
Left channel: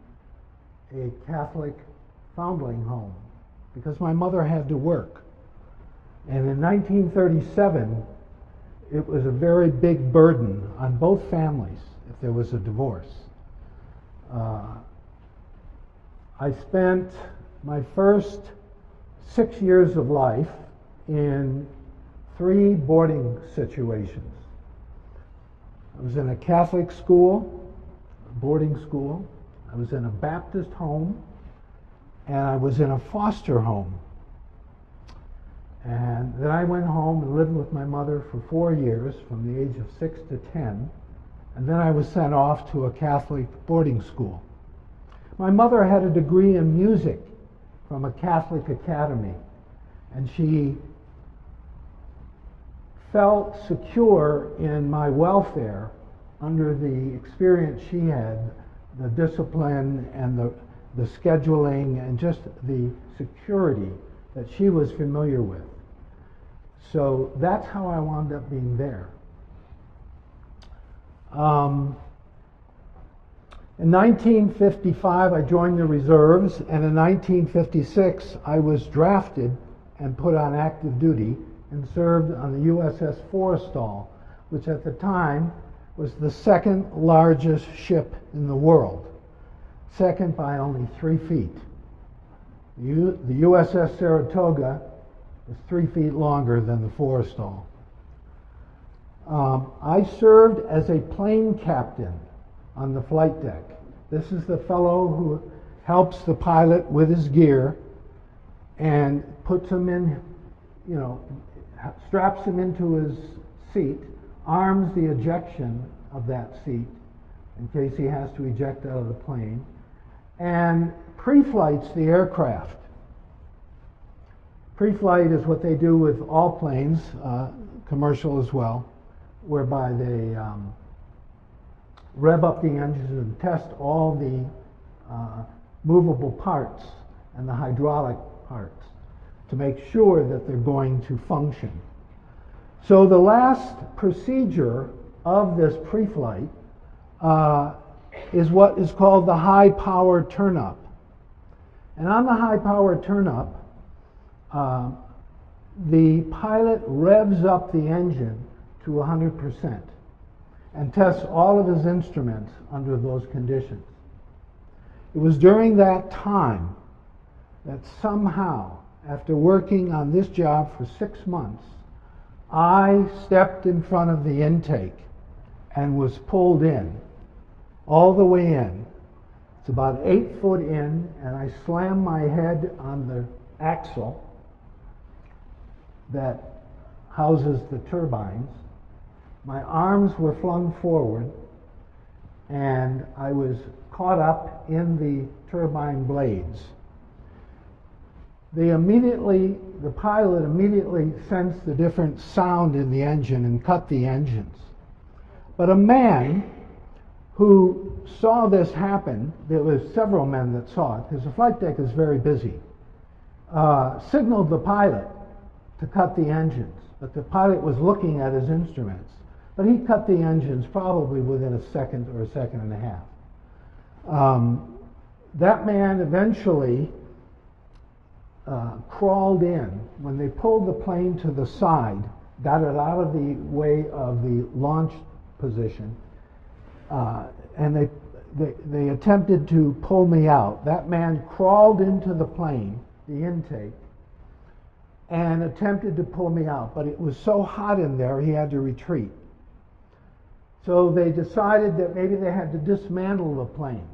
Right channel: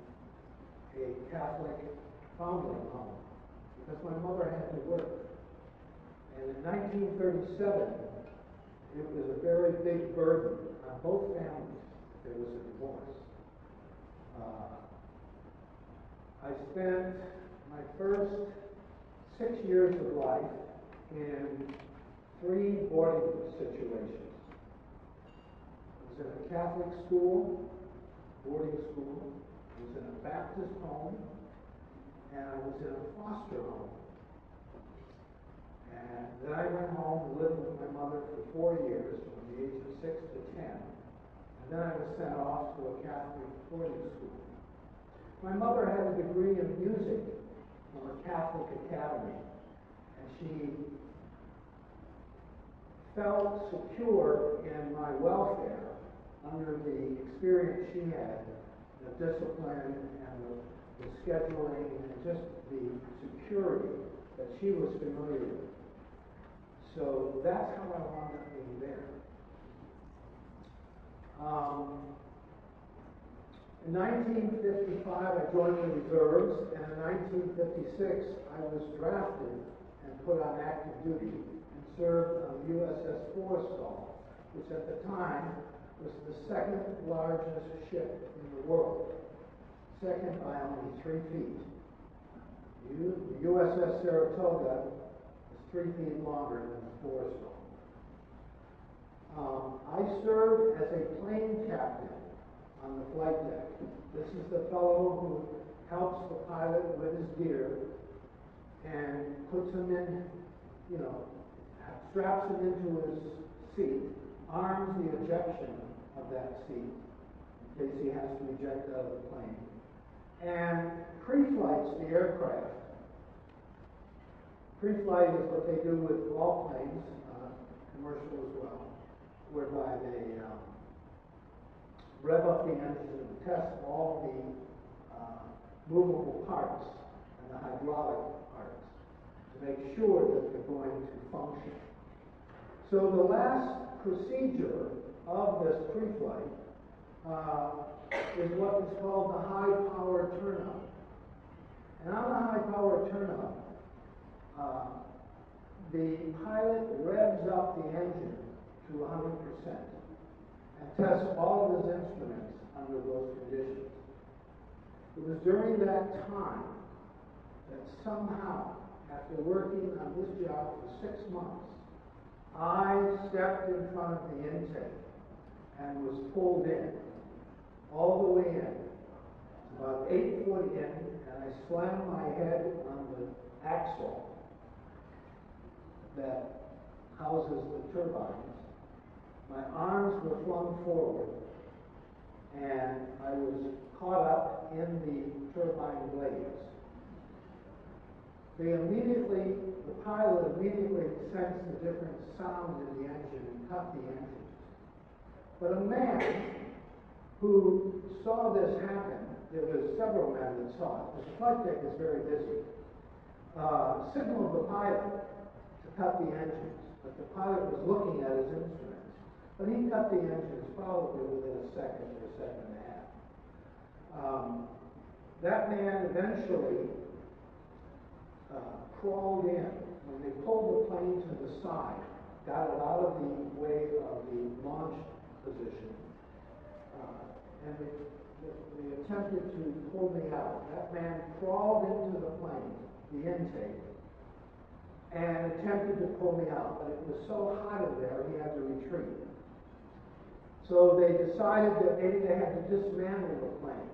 a Catholic foundling home because my mother had to work. And in 1937, it was a very big burden on both families if there was a divorce. I spent my first 6 years of life in 3 boarding situations. I was in a Catholic school, boarding school. I was in a Baptist home, and I was in a foster home. And then I went home and lived with my mother for 4 years, from the age of 6 to 10, and then I was sent off to a Catholic boarding school. My mother had a degree in music from a Catholic academy, and she felt secure in my welfare under the experience she had, the discipline and the scheduling and just the security that she was familiar with. So that's how I wound up being there. In 1955, I joined the reserves, and in 1956, I was drafted and put on active duty and served on the USS Forrestal, which at the time was the 2nd largest ship in the world, second by only 3 feet. The USS Saratoga was 3 feet longer than the Forrestal. I served as a plane captain on the flight deck. This is the fellow who helps the pilot with his gear and puts him in, straps him into his seat, arms the ejection of that seat in case he has to eject out of the plane, and pre-flights the aircraft. Pre-flight is what they do with all planes, commercial as well, whereby they rev up the engines and test all the movable parts and the hydraulic parts to make sure that they're going to function. So the last procedure of this pre-flight is what is called the high power turn-up. And on the high power turn-up, the pilot revs up the engine to 100% and tests all of his instruments under those conditions. It was during that time that somehow, after working on this job for 6 months, I stepped in front of the intake and was pulled in, all the way in. It's about 8 foot in, and I slammed my head on the axle that houses the turbines. My arms were flung forward, and I was caught up in the turbine blades. The pilot immediately sensed the different sound in the engine and cut the engines. But a man who saw this happen, there was several men that saw it, because the flight deck is very busy, signaled the pilot to cut the engines. But the pilot was looking at his instruments. But he cut the engines probably within a second or a second and a half. That man eventually crawled in. When they pulled the plane to the side, got it out of the way of the launch position, and they attempted to pull me out. That man crawled into the plane, the intake, and attempted to pull me out, but it was so hot in there he had to retreat. So they decided that maybe they had to dismantle the plane,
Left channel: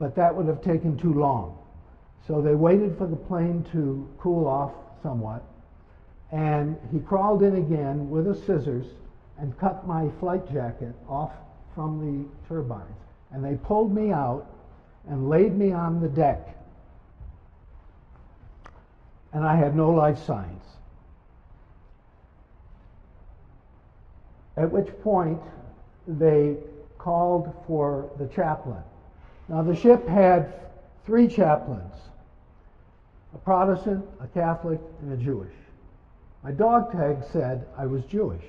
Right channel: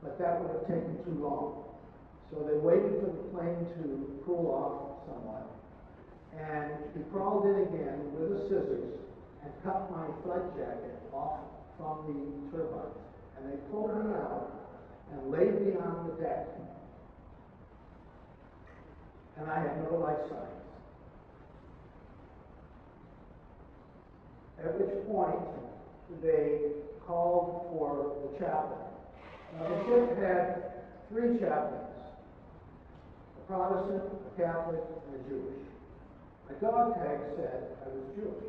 but that would have taken too long. So they waited for the plane to cool off somewhat, and he crawled in again with a scissors and cut my flight jacket off from the turbines. And they pulled me out and laid me on the deck. And I had no life signs. At which point they called for the chaplain. Now the ship had 3 chaplains, a Protestant, a Catholic, and a Jewish. My dog tag said I was Jewish.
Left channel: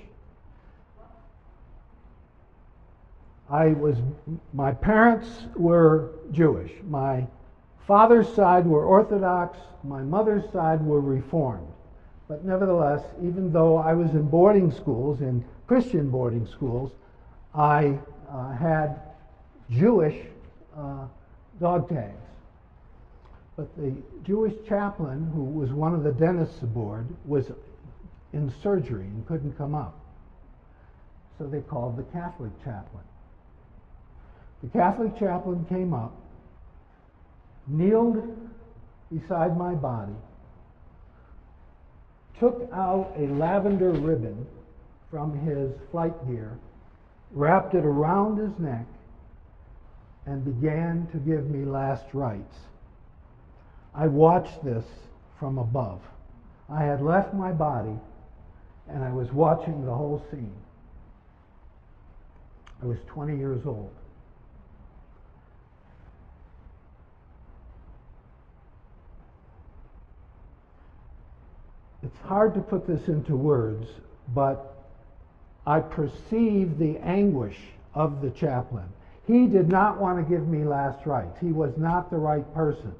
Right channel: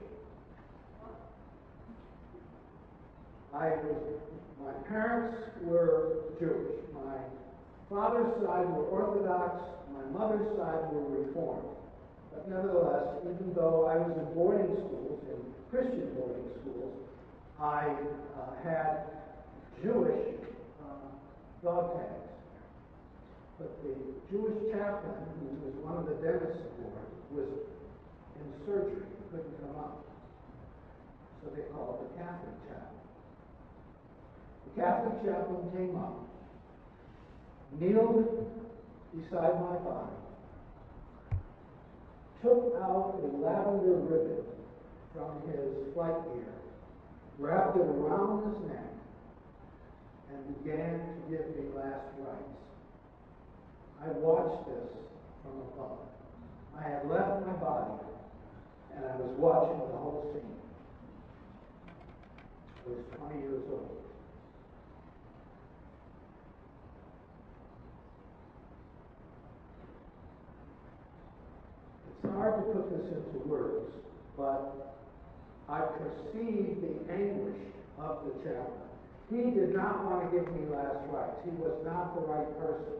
My parents were Jewish. My father's side were Orthodox, my mother's side were Reformed. But nevertheless, even though I was in boarding schools, in Christian boarding schools, I had Jewish dog tags. But the Jewish chaplain, who was one of the dentists aboard, was in surgery and couldn't come up. So they called the Catholic chaplain. The Catholic chaplain came up, kneeled beside my body, took out a lavender ribbon from his flight gear, wrapped it around his neck, and began to give me last rites. I watched this from above. I had left my body, and I was watching the whole scene. I was 20 years old. It's hard to put this into words, but I perceived the anguish of the chaplain. He did not want to give me last rites. He was not the right person.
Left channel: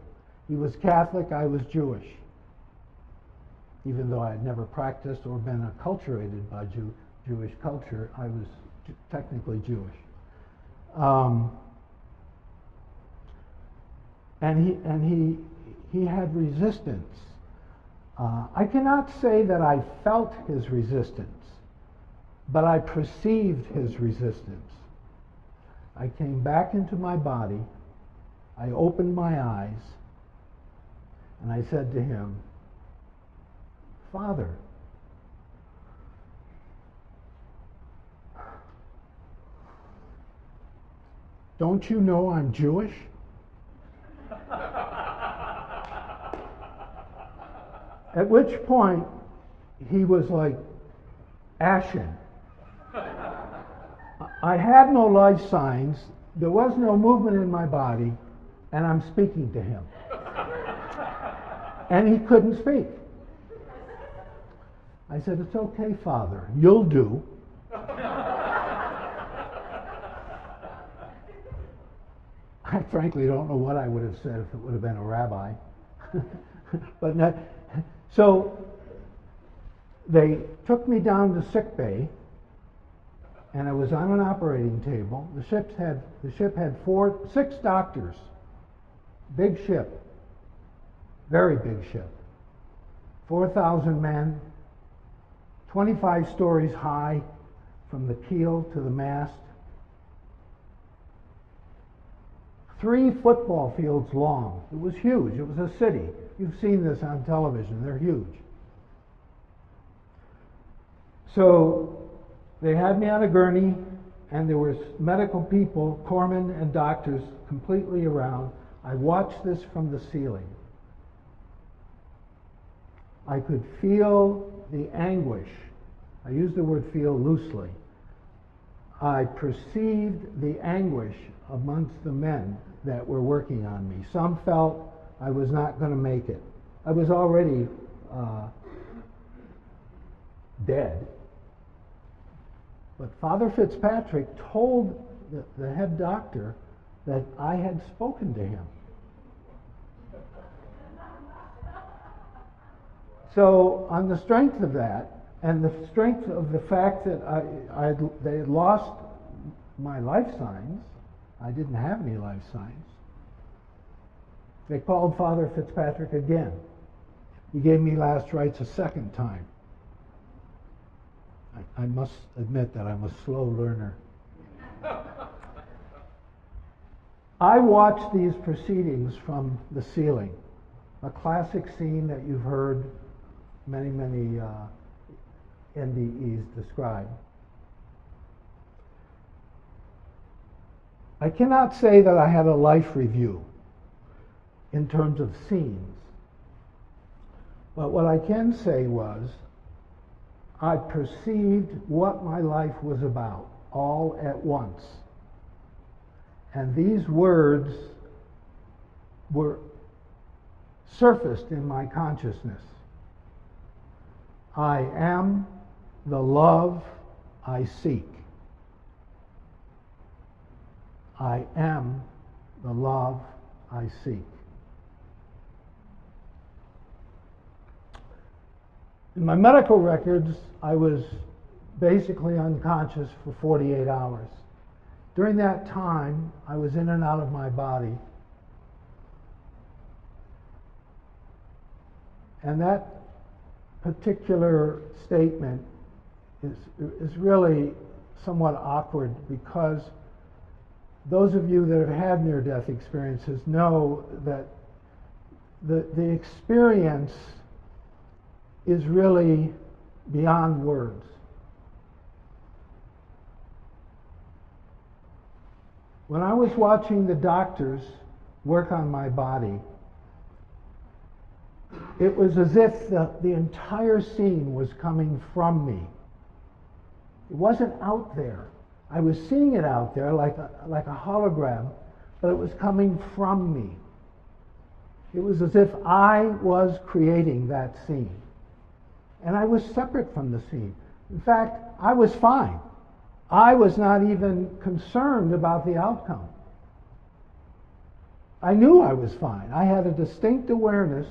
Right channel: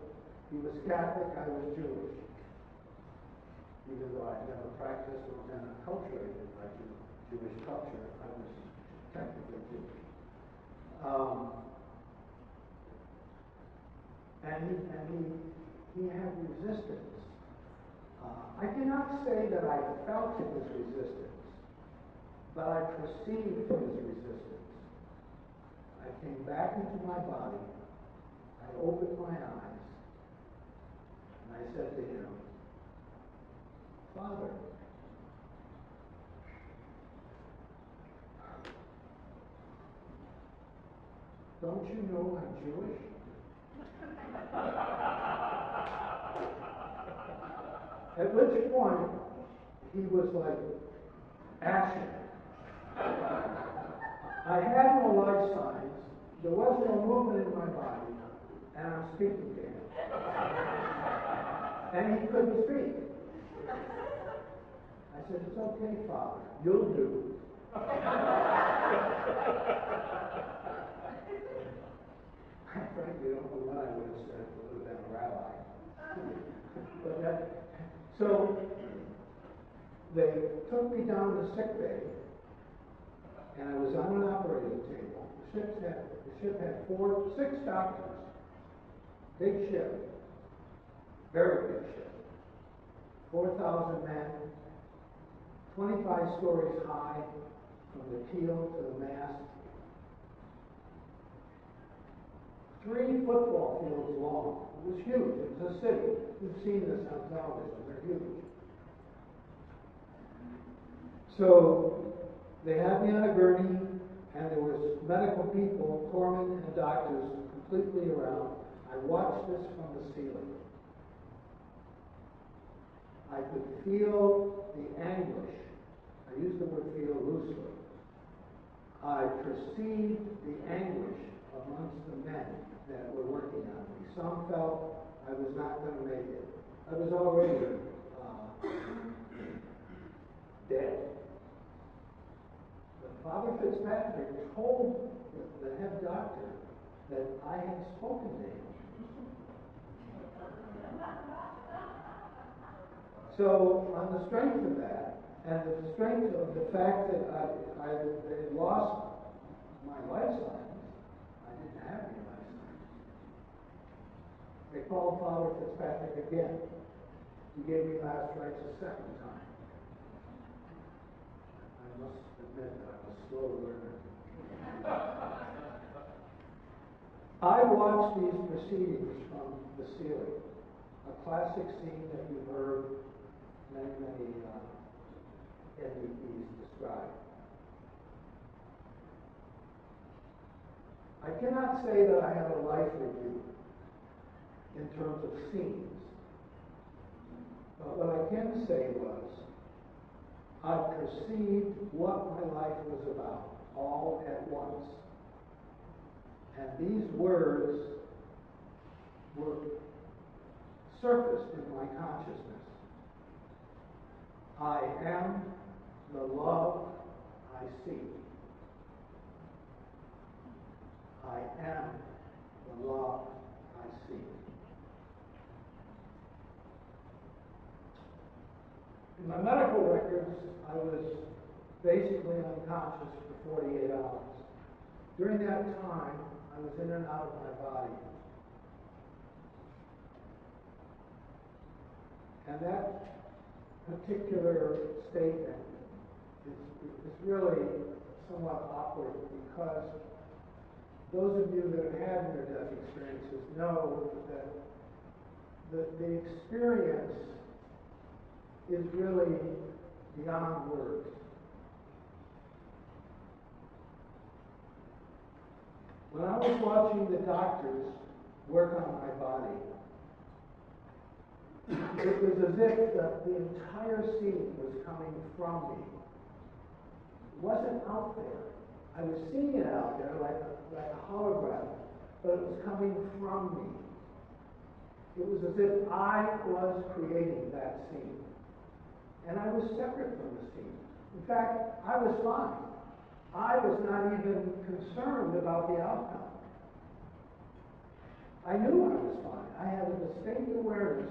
He was Catholic, I was Jewish. Even though I had never practiced or been acculturated by Jewish culture, I was technically Jewish. And he had resistance. I cannot say that I felt his resistance, but I perceived his resistance. I came back into my body, I opened my eyes, and I said to him, "Father, don't you know I'm Jewish?" At which point, he was like ashen. I had no life signs, there was no movement in my body, and I'm speaking to him. And he couldn't speak. I said, "It's okay, Father, you'll do." I frankly don't know what I would have said if it would have been a rabbi. But no, so they took me down to sick bay, and I was on an operating table. The ship had 6 doctors. Big ship, very big ship. 4,000 men, 25 stories high from the keel to the mast. 3 football fields long. It was huge. It was a city. You've seen this on television. They're huge. So they had me on a gurney, and there was medical people, corpsmen and doctors completely around. I watched this from the ceiling. I could feel the anguish. I use the word feel loosely. I perceived the anguish amongst the men that were working on me. Some felt I was not going to make it. I was already dead. But Father Fitzpatrick told the head doctor that I had spoken to him. So on the strength of that, and the strength of the fact that they had lost my life signs, I didn't have any life signs, they called Father Fitzpatrick again. He gave me last rites a second time. I must admit that I'm a slow learner. I watched these proceedings from the ceiling, a classic scene that you've heard many NDEs describe. I cannot say that I had a life review in terms of scenes, but what I can say was I perceived what my life was about all at once. And these words were surfaced in my consciousness. I am the love I seek. I am the love I seek. In my medical records, I was basically unconscious for 48 hours. During that time, I was in and out of my body. And that particular statement is really somewhat awkward because those of you that have had near-death experiences know that the experience is really beyond words. When I was watching the doctors work on my body, it was as if the entire scene was coming from me. It wasn't out there. I was seeing it out there like a hologram, but it was coming from me. It was as if I was creating that scene. And I was separate from the scene. In fact, I was fine. I was not even concerned about the outcome. I knew I was fine. I had a distinct awareness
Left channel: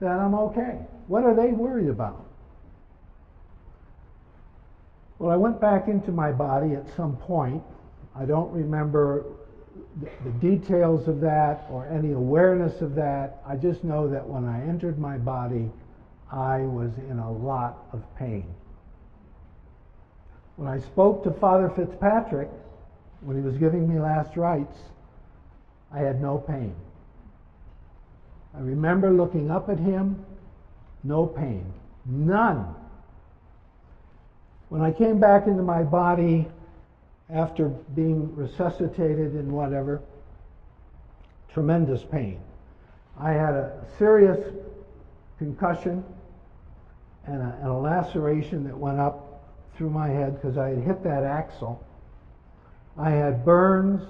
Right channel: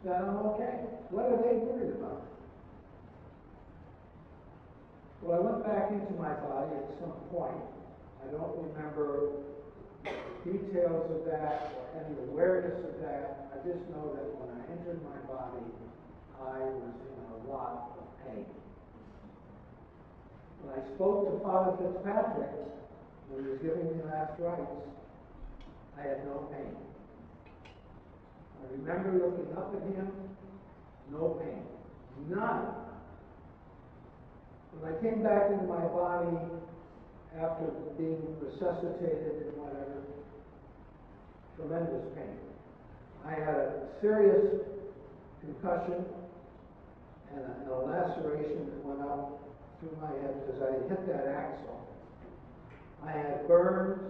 that I'm okay. What are they worried about? Well, I went back into my body at some point. I don't remember the details of that or any awareness of that. I just know that when I entered my body, I was in a lot of pain. When I spoke to Father Fitzpatrick, when he was giving me last rites, I had no pain. I remember looking up at him, no pain, none. When I came back into my body after being resuscitated and whatever, tremendous pain. I had a serious concussion and a laceration that went up through my head because I had hit that axle. I had burns.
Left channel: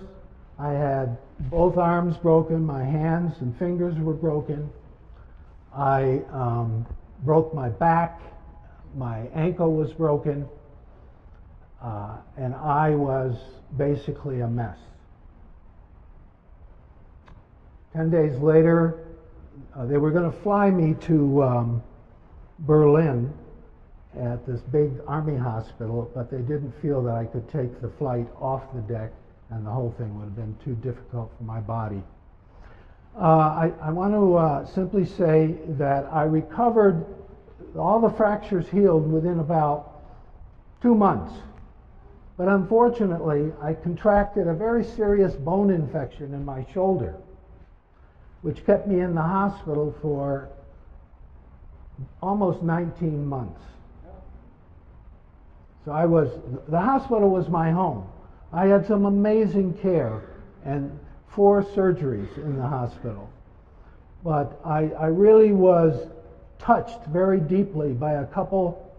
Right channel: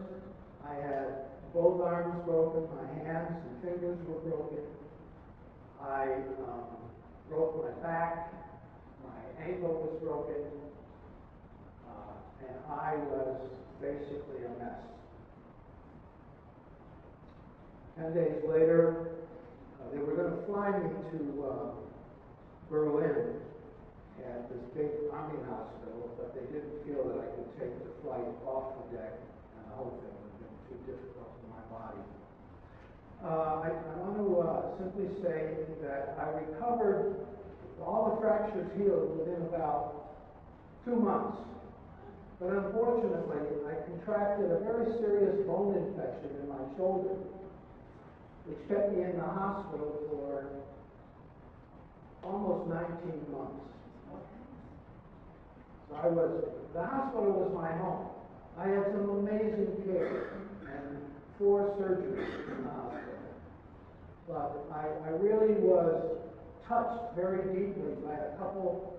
I had both arms broken. My hands and fingers were broken. I broke my back. My ankle was broken. And I was basically a mess. 10 days later, they were going to fly me to Berlin at this big army hospital, but they didn't feel that I could take the flight off the deck, and the whole thing would have been too difficult for my body. I want to simply say that I recovered, all the fractures healed within about 2 months. But unfortunately, I contracted a very serious bone infection in my shoulder, which kept me in the hospital for almost 19 months. So the hospital was my home. I had some amazing care and 4 surgeries in the hospital. But I really was touched very deeply by a couple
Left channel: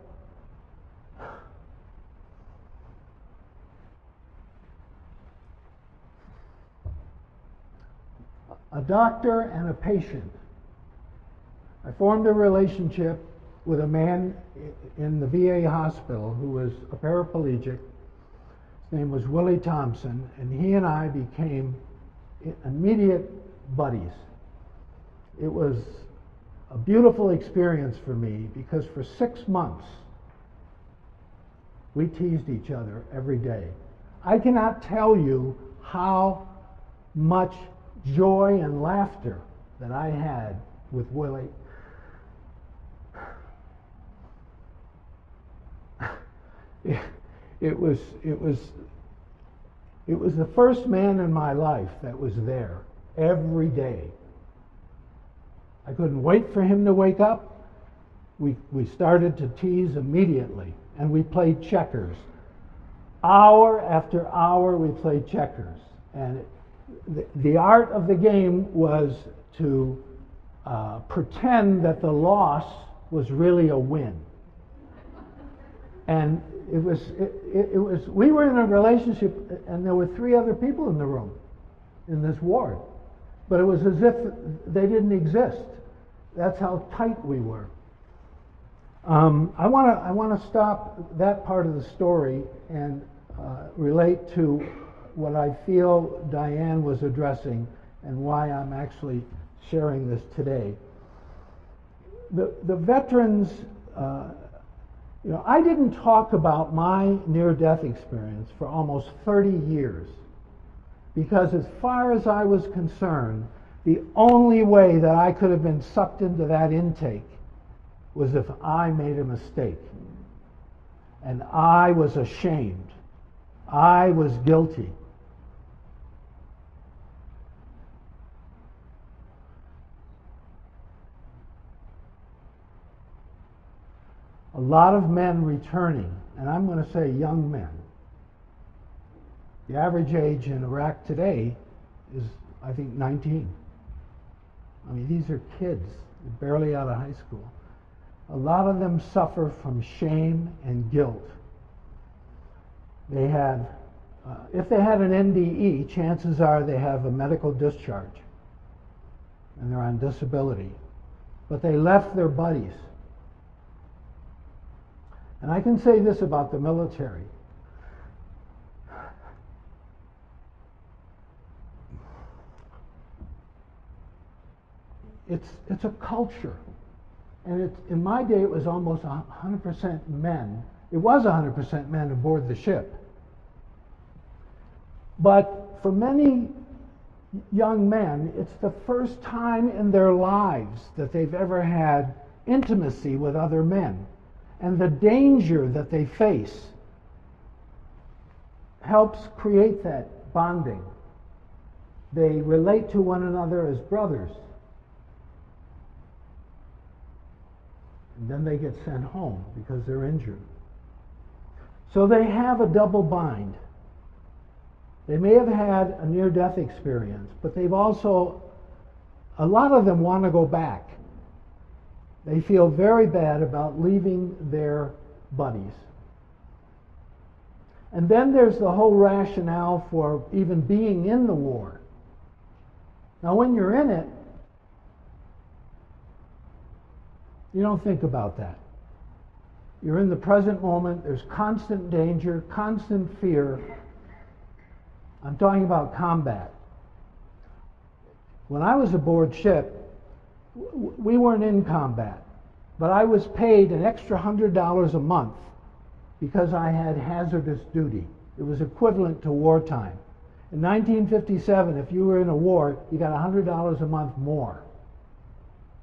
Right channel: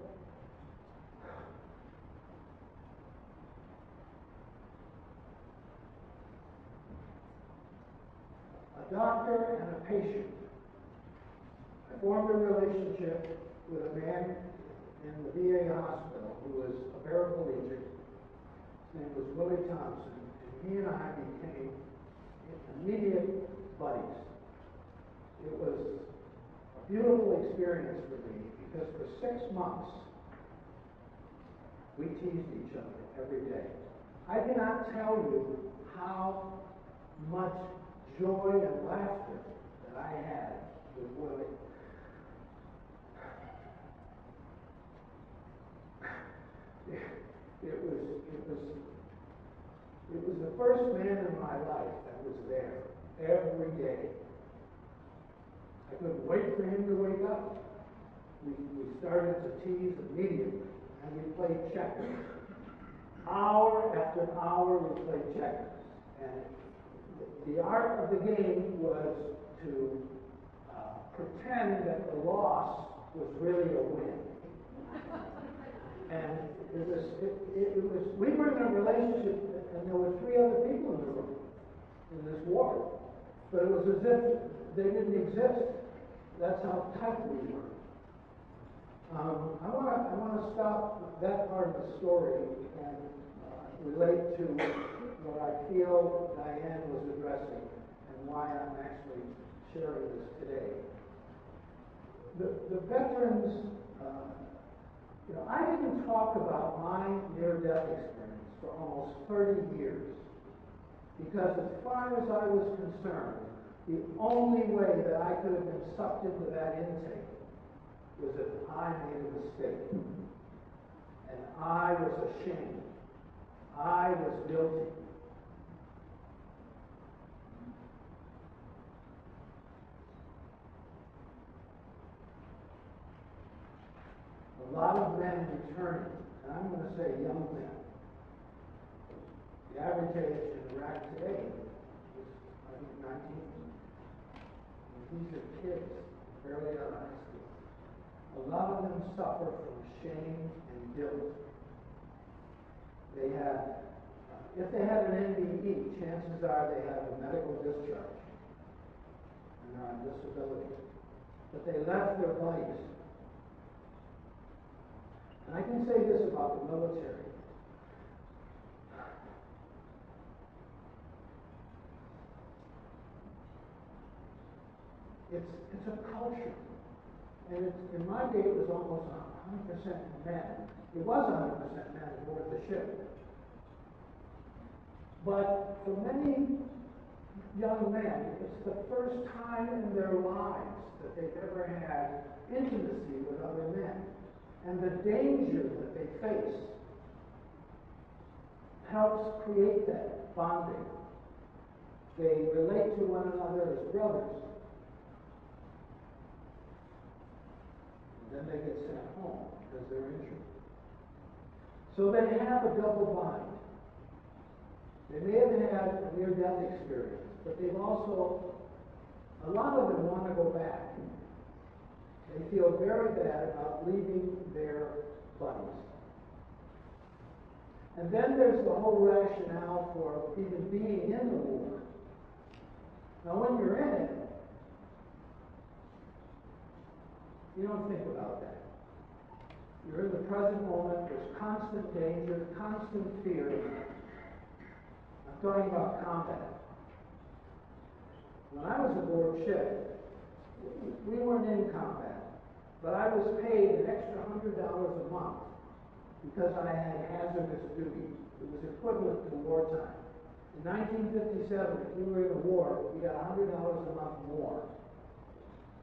a doctor and a patient. I formed a relationship with a man in the VA hospital who was a paraplegic. His name was Willie Thompson, and he and I became immediate buddies. It was a beautiful experience for me because for 6 months we teased each other every day. I cannot tell you how much joy and laughter that I had with Willie. it was the first man in my life that was there every day. I couldn't wait for him to wake up. We started to tease immediately, and we played checkers. Hour after hour we played checkers. And the art of the game was to pretend that the loss was really a win. And it was, we were in a relationship, and there were 3 other people in the room, in this ward. But it was as if they didn't exist. That's how tight we were. I want to stop that part of the story and relate to what I feel Diane was addressing and why I'm actually sharing this today. The veterans, I didn't talk about my near-death experience for almost 30 years because as far as I was concerned, the only way that I could have been sucked into that intake was if I made a mistake. And I was ashamed. I was guilty. A lot of men returning, and I'm going to say young men. The average age in Iraq today is, I think, 19. I mean, these are kids, barely out of high school. A lot of them suffer from shame and guilt. They have, if they had an NDE, chances are they have a medical discharge and they're on disability. But they left their buddies. And I can say this about the military. It's a culture. And in my day, it was almost 100% men. It was 100% men aboard the ship. But for many young men, it's the first time in their lives that they've ever had intimacy with other men. And the danger that they face helps create that bonding. They relate to one another as brothers. And then they get sent home because they're injured. So they have a double bind. They may have had a near-death experience, but they've also, a lot of them want to go back. They feel very bad about leaving their buddies. And then there's the whole rationale for even being in the war. Now, when you're in it, you don't think about that. You're in the present moment. There's constant danger, constant fear. I'm talking about combat. When I was aboard ship, we weren't in combat, but I was paid an extra $100 a month because I had hazardous duty. It was equivalent to wartime. In 1957, if you were in a war, you got $100 a month more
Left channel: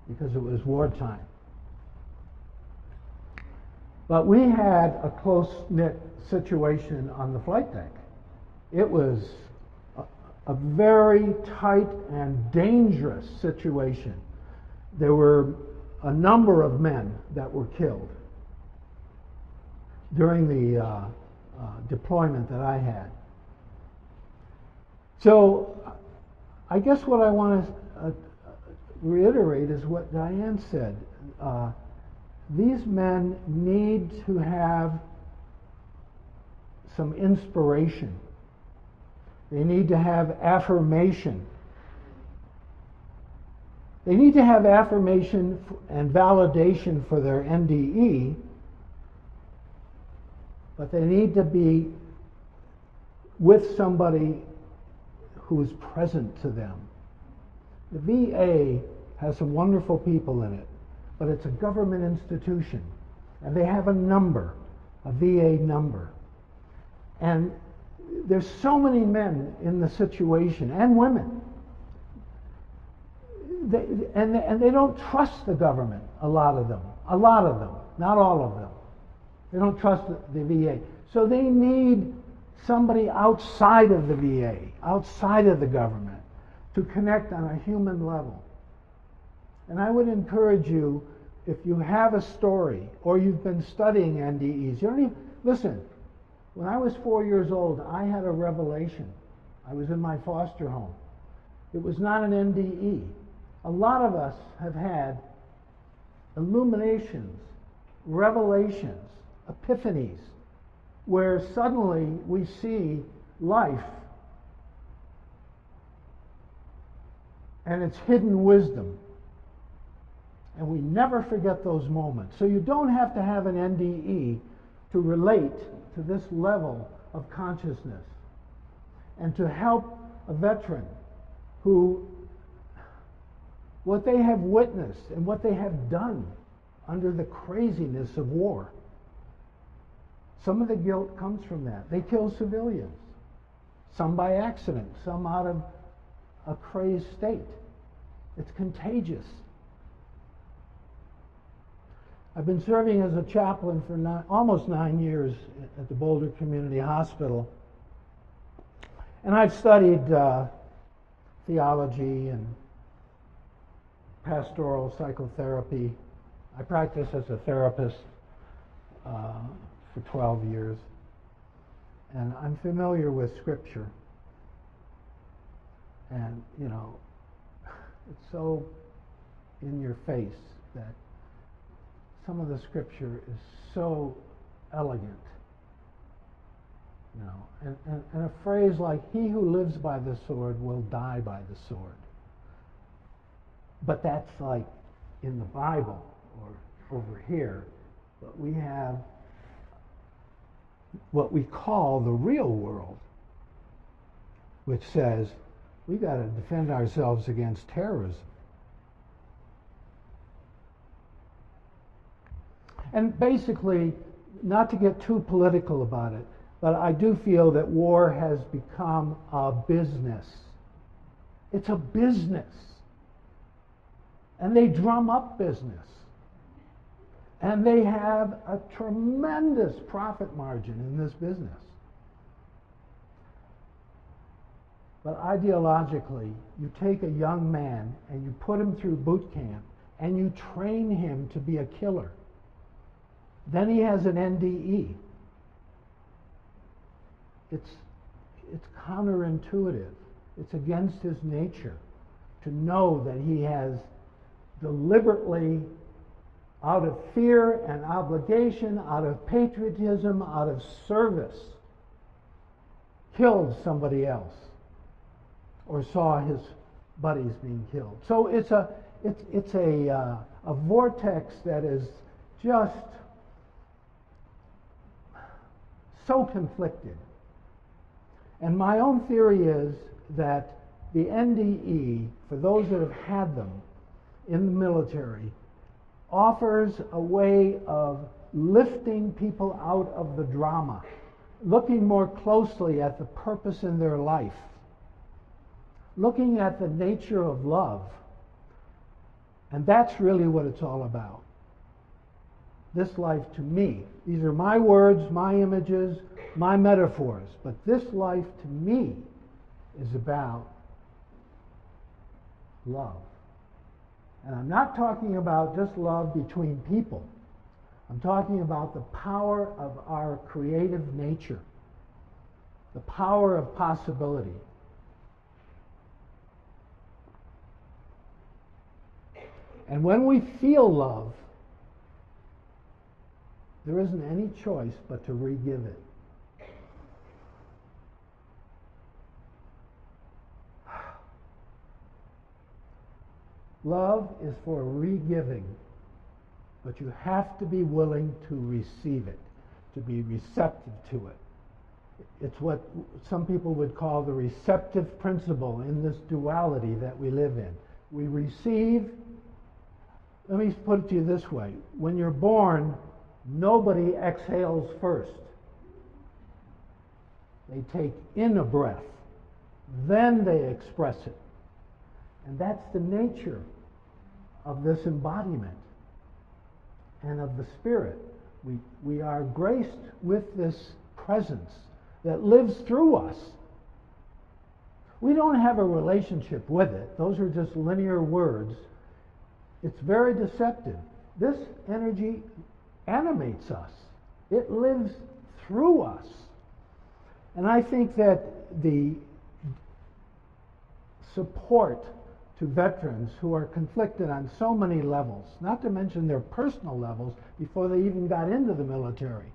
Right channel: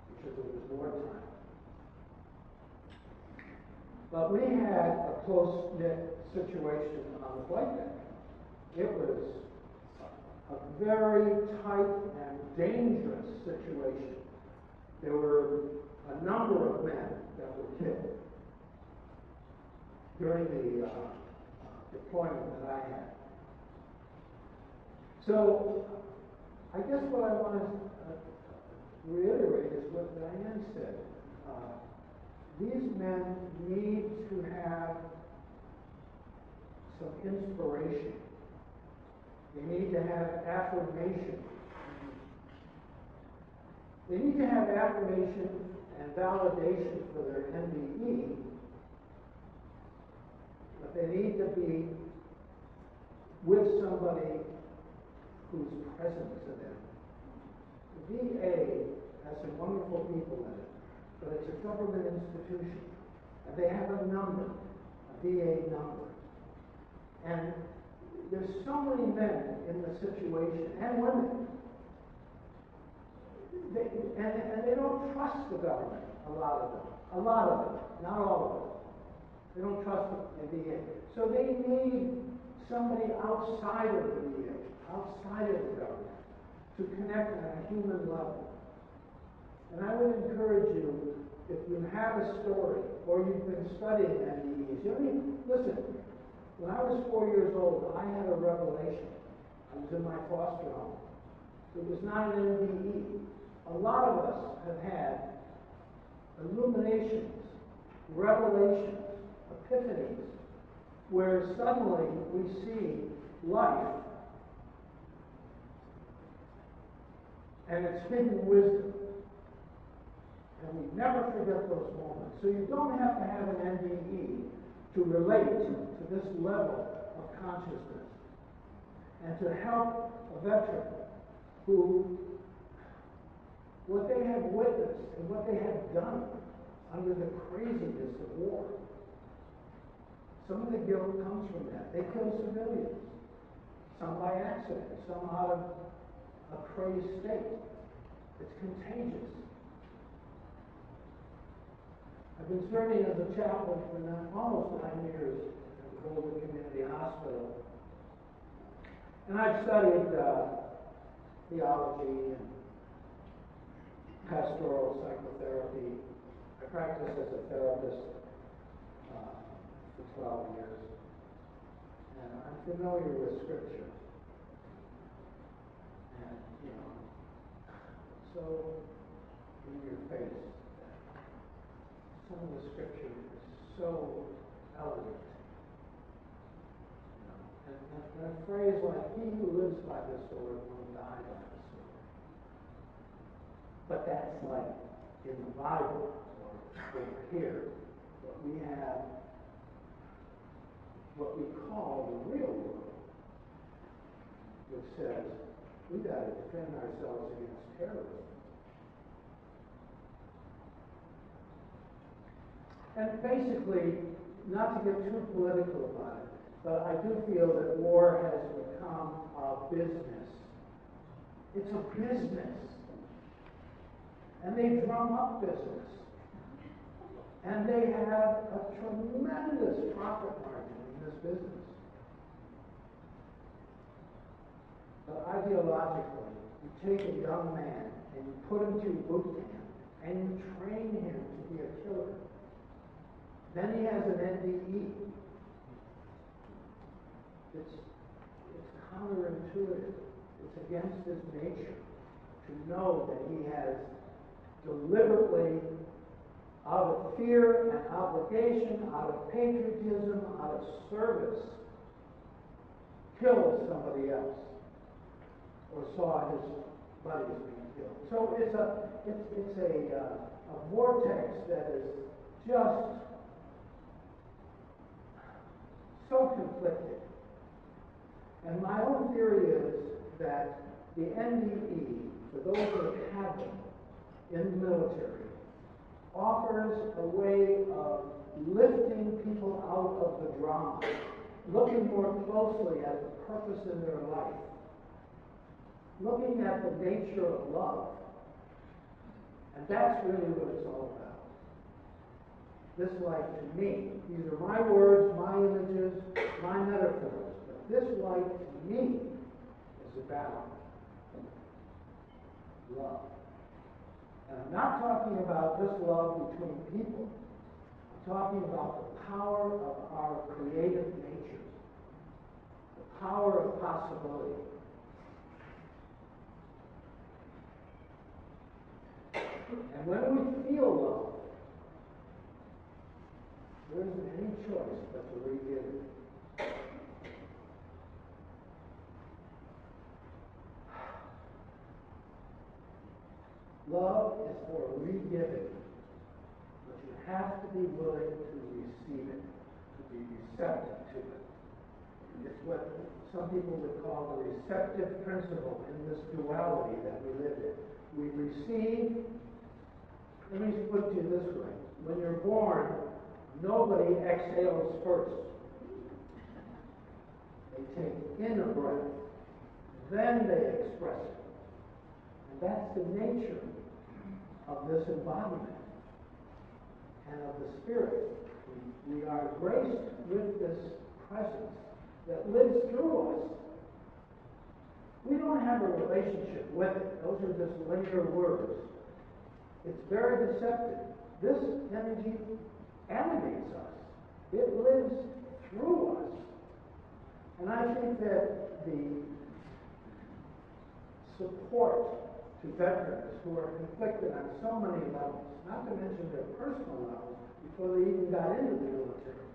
because it was wartime. But we had a close-knit situation on the flight deck. It was a very tight and dangerous situation. There were a number of men that were killed during the deployment that I had. So I guess what I want to reiterate is what Diane said. These men need to have some inspiration. They need to have affirmation. They need to have affirmation and validation for their NDE, but they need to be with somebody who is present to them. The VA has some wonderful people in it, but it's a government institution, and they have a number, a VA number. And there's so many men in the situation, and women. And they don't trust the government, a lot of them, not all of them. They don't trust the VA. So they need somebody outside of the VA, outside of the government, to connect on a human level. And I would encourage you, if you have a story or you've been studying NDEs, you don't even, listen, when I was 4 years old, I had a revelation. I was in my foster home. It was not an NDE. A lot of us have had illuminations, revelations, epiphanies, where suddenly we see life and its hidden wisdom. And we never forget those moments. So you don't have to have an NDE to relate to this level of consciousness and to help a veteran who, what they have witnessed and what they have done under the craziness of war. Some of the guilt comes from that. They kill civilians, some by accident, some out of a crazed state. It's contagious. I've been serving as a chaplain for almost 9 years at the Boulder Community Hospital. And I've studied theology and pastoral psychotherapy. I practiced as a therapist for 12 years. And I'm familiar with Scripture. And, you know, it's so in your face that some of the Scripture is so elegant. You know, and a phrase like, "He who lives by the sword will die by the sword." But that's like in the Bible or over here. But we have what we call the real world, which says we've got to defend ourselves against terrorism. And basically, not to get too political about it, but I do feel that war has become a business. It's a business. And they drum up business. And they have a tremendous profit margin in this business. But ideologically, you take a young man and you put him through boot camp and you train him to be a killer. Then he has an NDE. It's counterintuitive. It's against his nature to know that he has deliberately, out of fear and obligation, out of patriotism, out of service, killed somebody else or saw his buddies being killed. So it's a vortex that is just so conflicted. And my own theory is that the NDE, for those that have had them in the military, offers a way of lifting people out of the drama, looking more closely at the purpose in their life, looking at the nature of love. And that's really what it's all about. This life to me, these are my words, my images, my metaphors, but this life to me is about love. And I'm not talking about just love between people. I'm talking about the power of our creative nature, the power of possibility. And when we feel love, there isn't any choice but to re-give it. Love is for re-giving, but you have to be willing to receive it, to be receptive to it. It's what some people would call the receptive principle in this duality that we live in. We receive. Let me put it to you this way. When you're born, nobody exhales first. They take in a breath, then they express it. And that's the nature of this embodiment and of the spirit We are graced with this presence that lives through us. We don't have a relationship with it. Those are just linear words. It's very deceptive. This energy animates us. It lives through us. And I think that the support to veterans who are conflicted on so many levels, not to mention their personal levels before they even got into the military.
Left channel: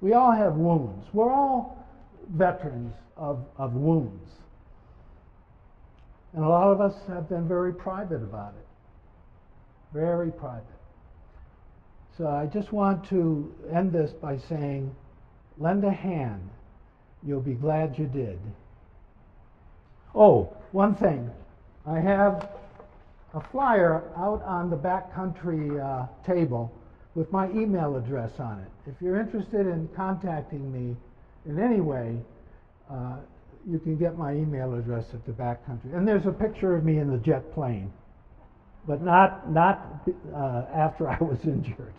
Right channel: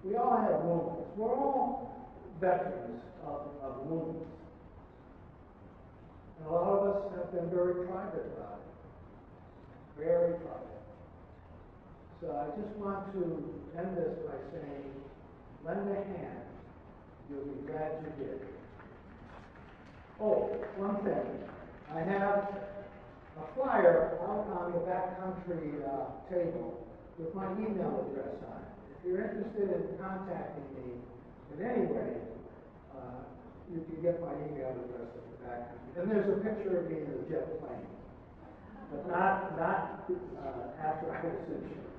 We all have wounds. We're all veterans of wounds. And a lot of us have been very private about it. Very private. So I just want to end this by saying, lend a hand. You'll be glad you did. Oh, one thing. I have a flyer out on the backcountry table with my email address on it. If you're interested in contacting me in any way, you can get my email address at the backcountry. And there's a picture of me in the jet plane, but not after I was injured.